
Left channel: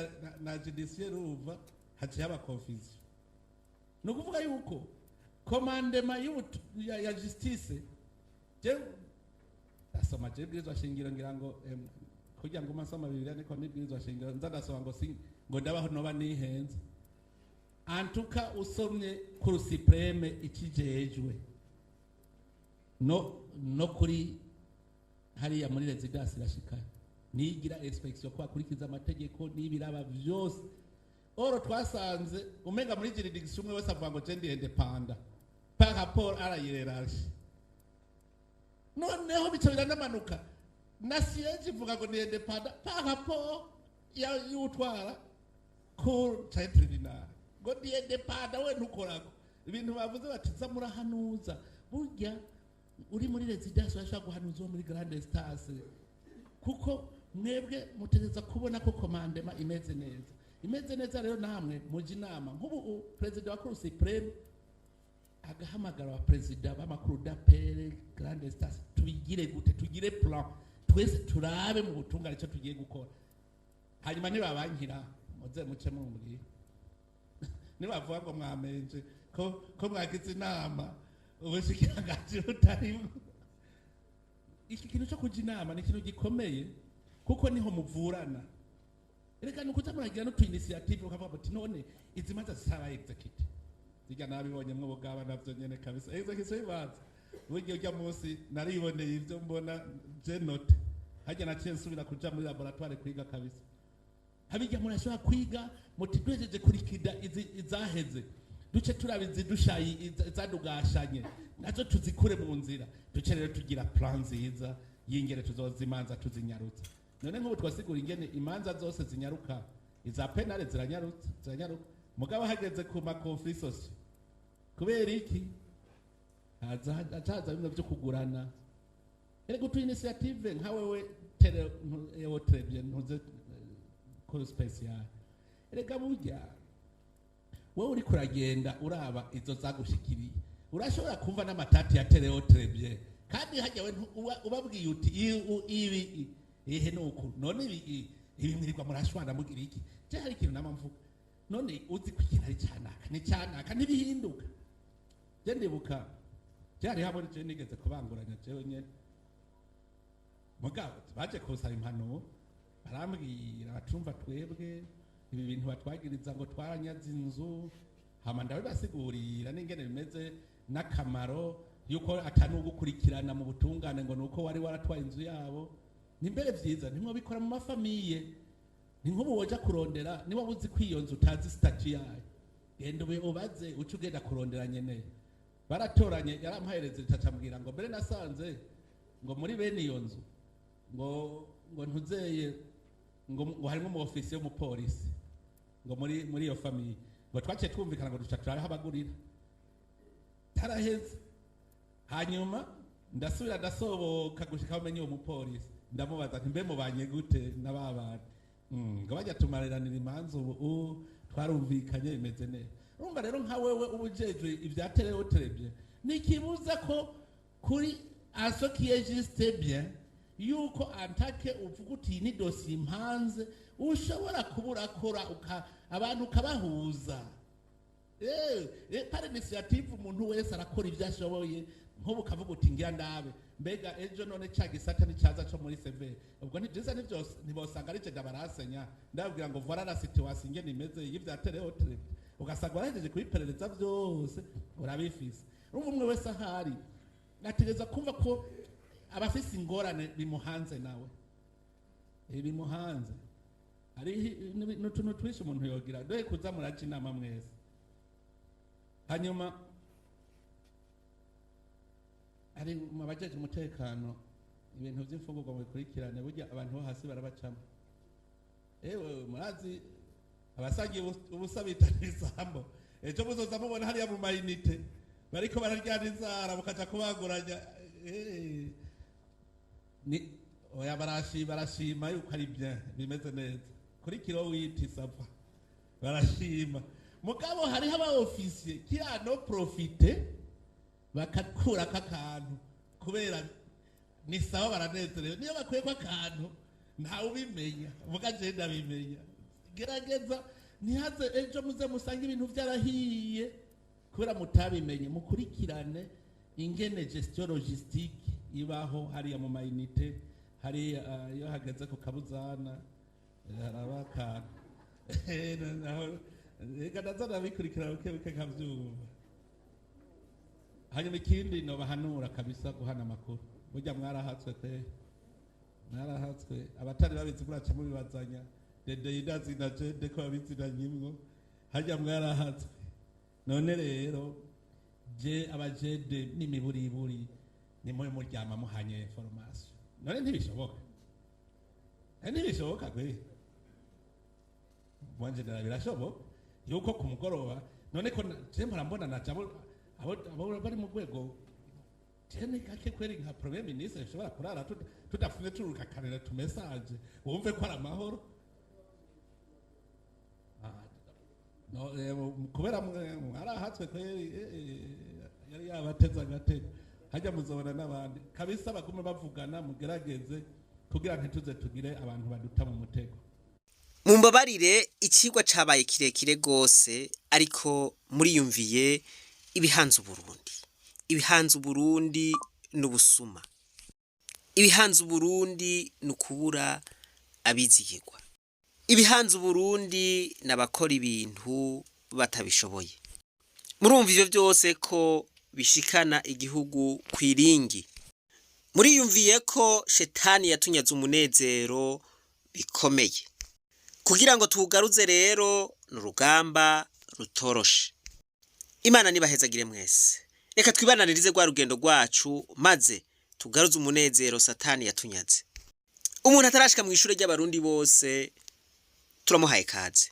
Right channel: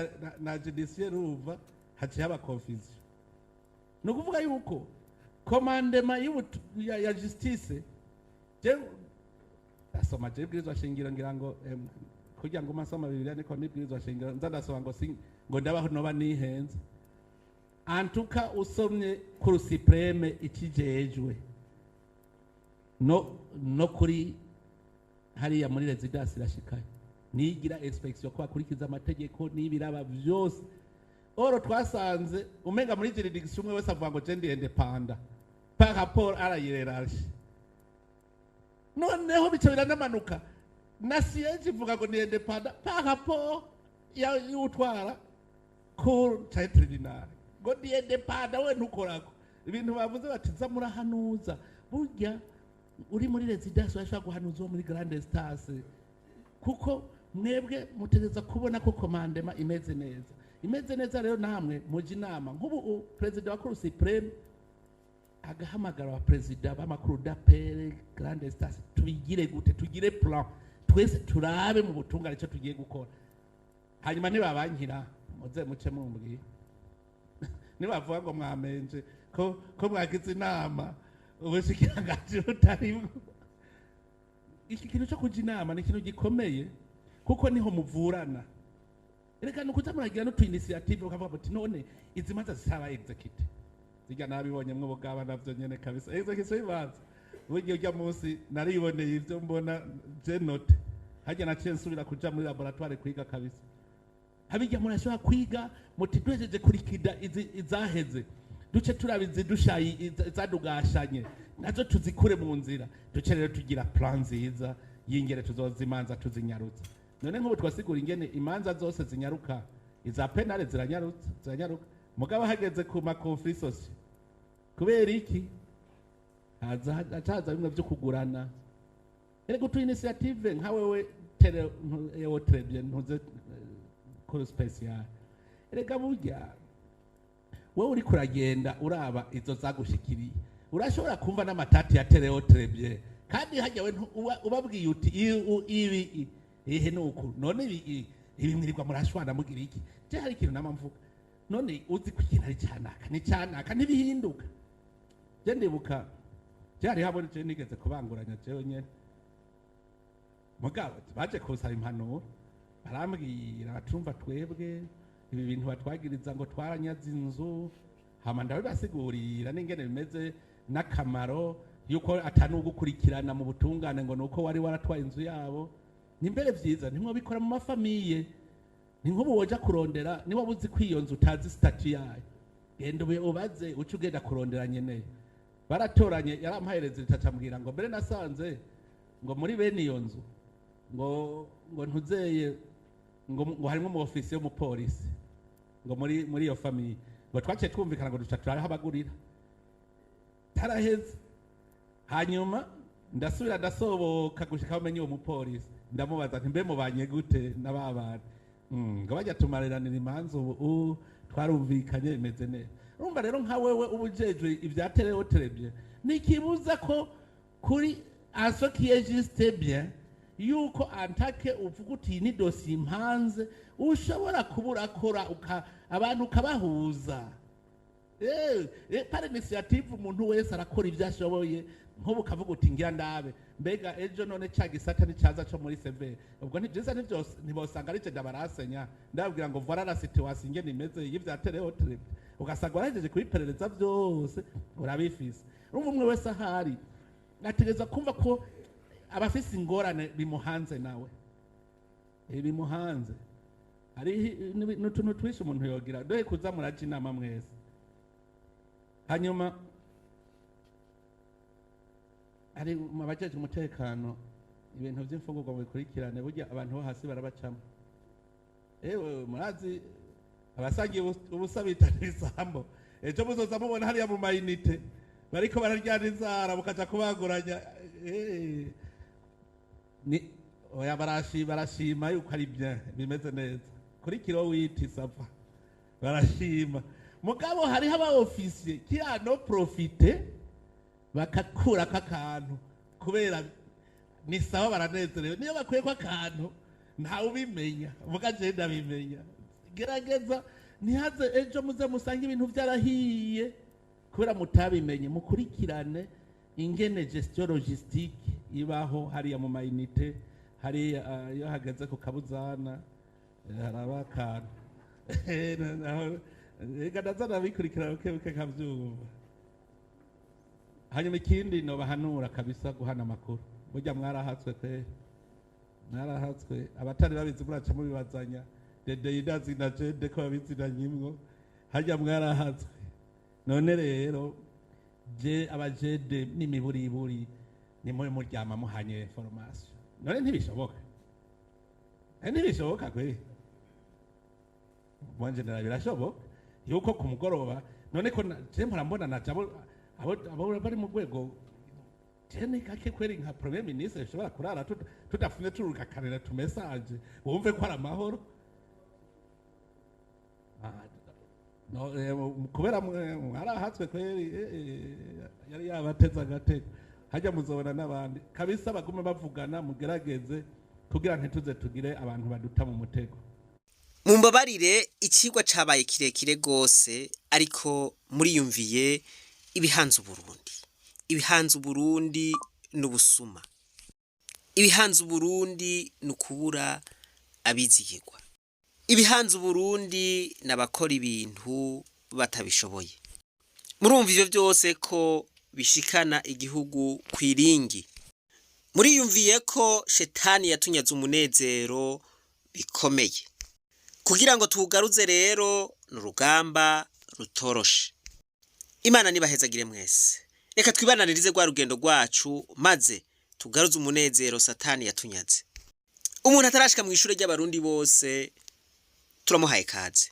na judiciaire uva haciye aba confusion. No kuvuga yuko commandement ya justice je asoma je bwirizwa shingiro ngira ngo kugira ngo masoma Bibiliya niko nibwirizwa shingiro nzadasoma ngo ndabaho noba nihenze. Antuka usomye ku supreme ikijejwe no kuri hariya muri residence irashikanye nigira inspection ko akurikiza amategeko n'ibiraba byose. Oro twasanze umenga muri juridiction umwe wese avuga ngo je ndi independent par rapport à la hiérarchie. Noneho bica biranamanuka na siege ivuga ngo ni independent par rapport ya utwara cour tribunal ngo ni independent we ntukorako ibintu bavuze bati za murahanuza burya uri muri residence washaka guhanuza muri grande instance kuko mwebwe mutegeza kubona ko commandement imeze neza rero namwe muji inama nk'ubu president wa Cour supreme agahamagara wa president b'amakuru d'appel grande instance tubigire gute tugire plan twese turabe mu butungane cyo tugiye gukora hanyuma nibabankira muze muce mumbwiye nibavuga ngo mwamenje ko mwagize inama ubushikiranganje butari iki kintu cyo kuja inama ni ikintu gikomeye kuko niho muvurana. Reka nukuza muragira no tu initiative ukavuga ati none izi manza zisaba execute zijya nabibonye mwo bugaba navyo nyene kabisa execute ibanza buryo ujya munsi nariboneye ivyo mbona je note hajya naciye nsubira kuja muri laboratoire kwiga kabisa habijya murashobora kwiga muti twejeje kurikida izaheze duce turabizi dushayi zadugashanye nazo tuzikure mu nzira duce rero tugira plan nziza yingere tuzozimanza tuzinyarutse. None nk'ubu twasigura ingene imanza zose zinyaruka iza penale ziranyaruka mugabo hageze ku ma conflict kubera iki haza bimwe byo kugurana ere gutu initiative nka wewe tele yo trebye ntuze ko special erega burya wowe uri kuragenda uraba izo zagushikiriye urashobora kumva n'amatati ya tele trebye kandi hajya we ubabwiye uti ibi ehe nuko none ibi mwirirwa murashwana mugira iki je hari ikintu namamvuga none uzi kwikina ari cyanaka nibihinduka je ndibuka byari habone je nigeze kubanguranya jewe nyene mugabo baje kusaba impanuro barambwira batumva twebwe ibi bintu batwagiriza ngo twaranyaze inzu hama ndabasigurira n'ingene bimeze n'akamaro yuko atanugukurikirana mu butungane ngo nuko wari waratwaye inzu yabo nimbere vyiza nimwe bikora mu mafamiye ni nkubu woja kurondera niba buzi kwiyonza utazi statut yayo genda ubaze uca ugenda kurondera nyene baratoranye yarampahereza itacambwira ngo mbere nasanze ngo muri bene iyo nzu ngo ntuzeye ngo harimo mu ofisi yo mu polisi ngo muri iyo famiye ngo twaciye twumvikana ngo duca turahabagurira taraheze hanyuma ndasubira ndasoboka gushika bamenye uwo mupolisi ndamubaza nti mbe mubanye gute n'ababana ngo bajya tumariranira imanza ubu twarumvikanye bimeze neza. Urumva rero nka wewe ubujejwe ibyatereho terebye nikibuza ko kuri aso qui existe bien yuko antake uvuga uti ni dossier impanze ushobora kuburakora abantu ukabahuza par initiative umuntu wese arakora ibyashoboye nkubu kavuga uti ngira ndabe mbega ejo none cyagisata nicaza cyo muri sebe ubwo ntibyiza byose ntibosanga ari cyo barasenya ndabwira ngo voilà la situation ingene imeze y'ibyatereho trip ugasanga warageje kubiperereza byose urabifise umwe wese ahari nategeza kumva ko abafise ingorane bimuhanze nawe bimuhanze ari n'utuntu twishe umuntu yogira dohe kuza muraca inama mwese hanyuma ari mabajeje umutekano ibintu by'imfungurwa bikurikirane burya abantu bo hasi barabacamo murazi abasangiye ubusabita n'isambo ejo muzoza mubona hariya mu mayinite bariko bararyana inzara mukaja kubaguranya ni oya barashima yuko ari bien bimeze neza kuri kilo witi sava barashima mugabo hariho aba ofisiye kiano profite bakakura kakantu kubera ni sawa baranezerewe niyo bakwiye ko akantu ntawe ubimenya muga je ndabimenya gerageza ntihaze ejo muze musanga ibintu byarahiye kubera mutabimenye mukurikirane ingene gestion logistique ibaho hariya mu mayinite hari iyo hageze ku kabuzana harabaka reka ndazana bikurikirana ukebuke kavyumva hanyuma ikindi no bahanura kabisa guhana amakuru burya mwarahatswe pe mwarahatswe abatari babizi muraca mubibazanya dede yidazi na jede ko babizinanyimwo hajya mwarahatswe none rero je abajede n'imiburiburi ni muri muryama muhanye formation none ntibishoboka kwe mwanje birashoboka yuko ku mugoroba none ko je mpora naca abo bari mu rwego jene kake kweri nka premier ministre shobora kurara tudafunze turuka kanera tu message wumve ko ari amahoro no kubera mwarahatswe kweri yari yabateza agatego hajya muzobona n'abandi kabisa bagume bavugana mugerageze kugira ntituze tugire abantu baduta mu mutego. Mumbabarire ikigwa cabaye kirekire gose ariko muriyumviye ibihanze Burundi. Ibihanze Burundi n'ubusuma. Ibihanze Burundi n'ukubura abizigirwa. Ibihanze Burundi n'abakora ibintu batabishoboye. Murumva ivyo byose ko bishikana igihugu kwiringi. Muriyumviye ko shetani yatunyaze umunezero bikomeye. Kugira ngo tugaruze rero n'urugamba rutoroshe. Imana nibahezagire mwese. Reka twibananirize rwa rugendo rwacu maze tugaruze umunezero satani yatunyaze. Umuntu atarashika mu ishure ry'abarundi bose turamuhaye kaze.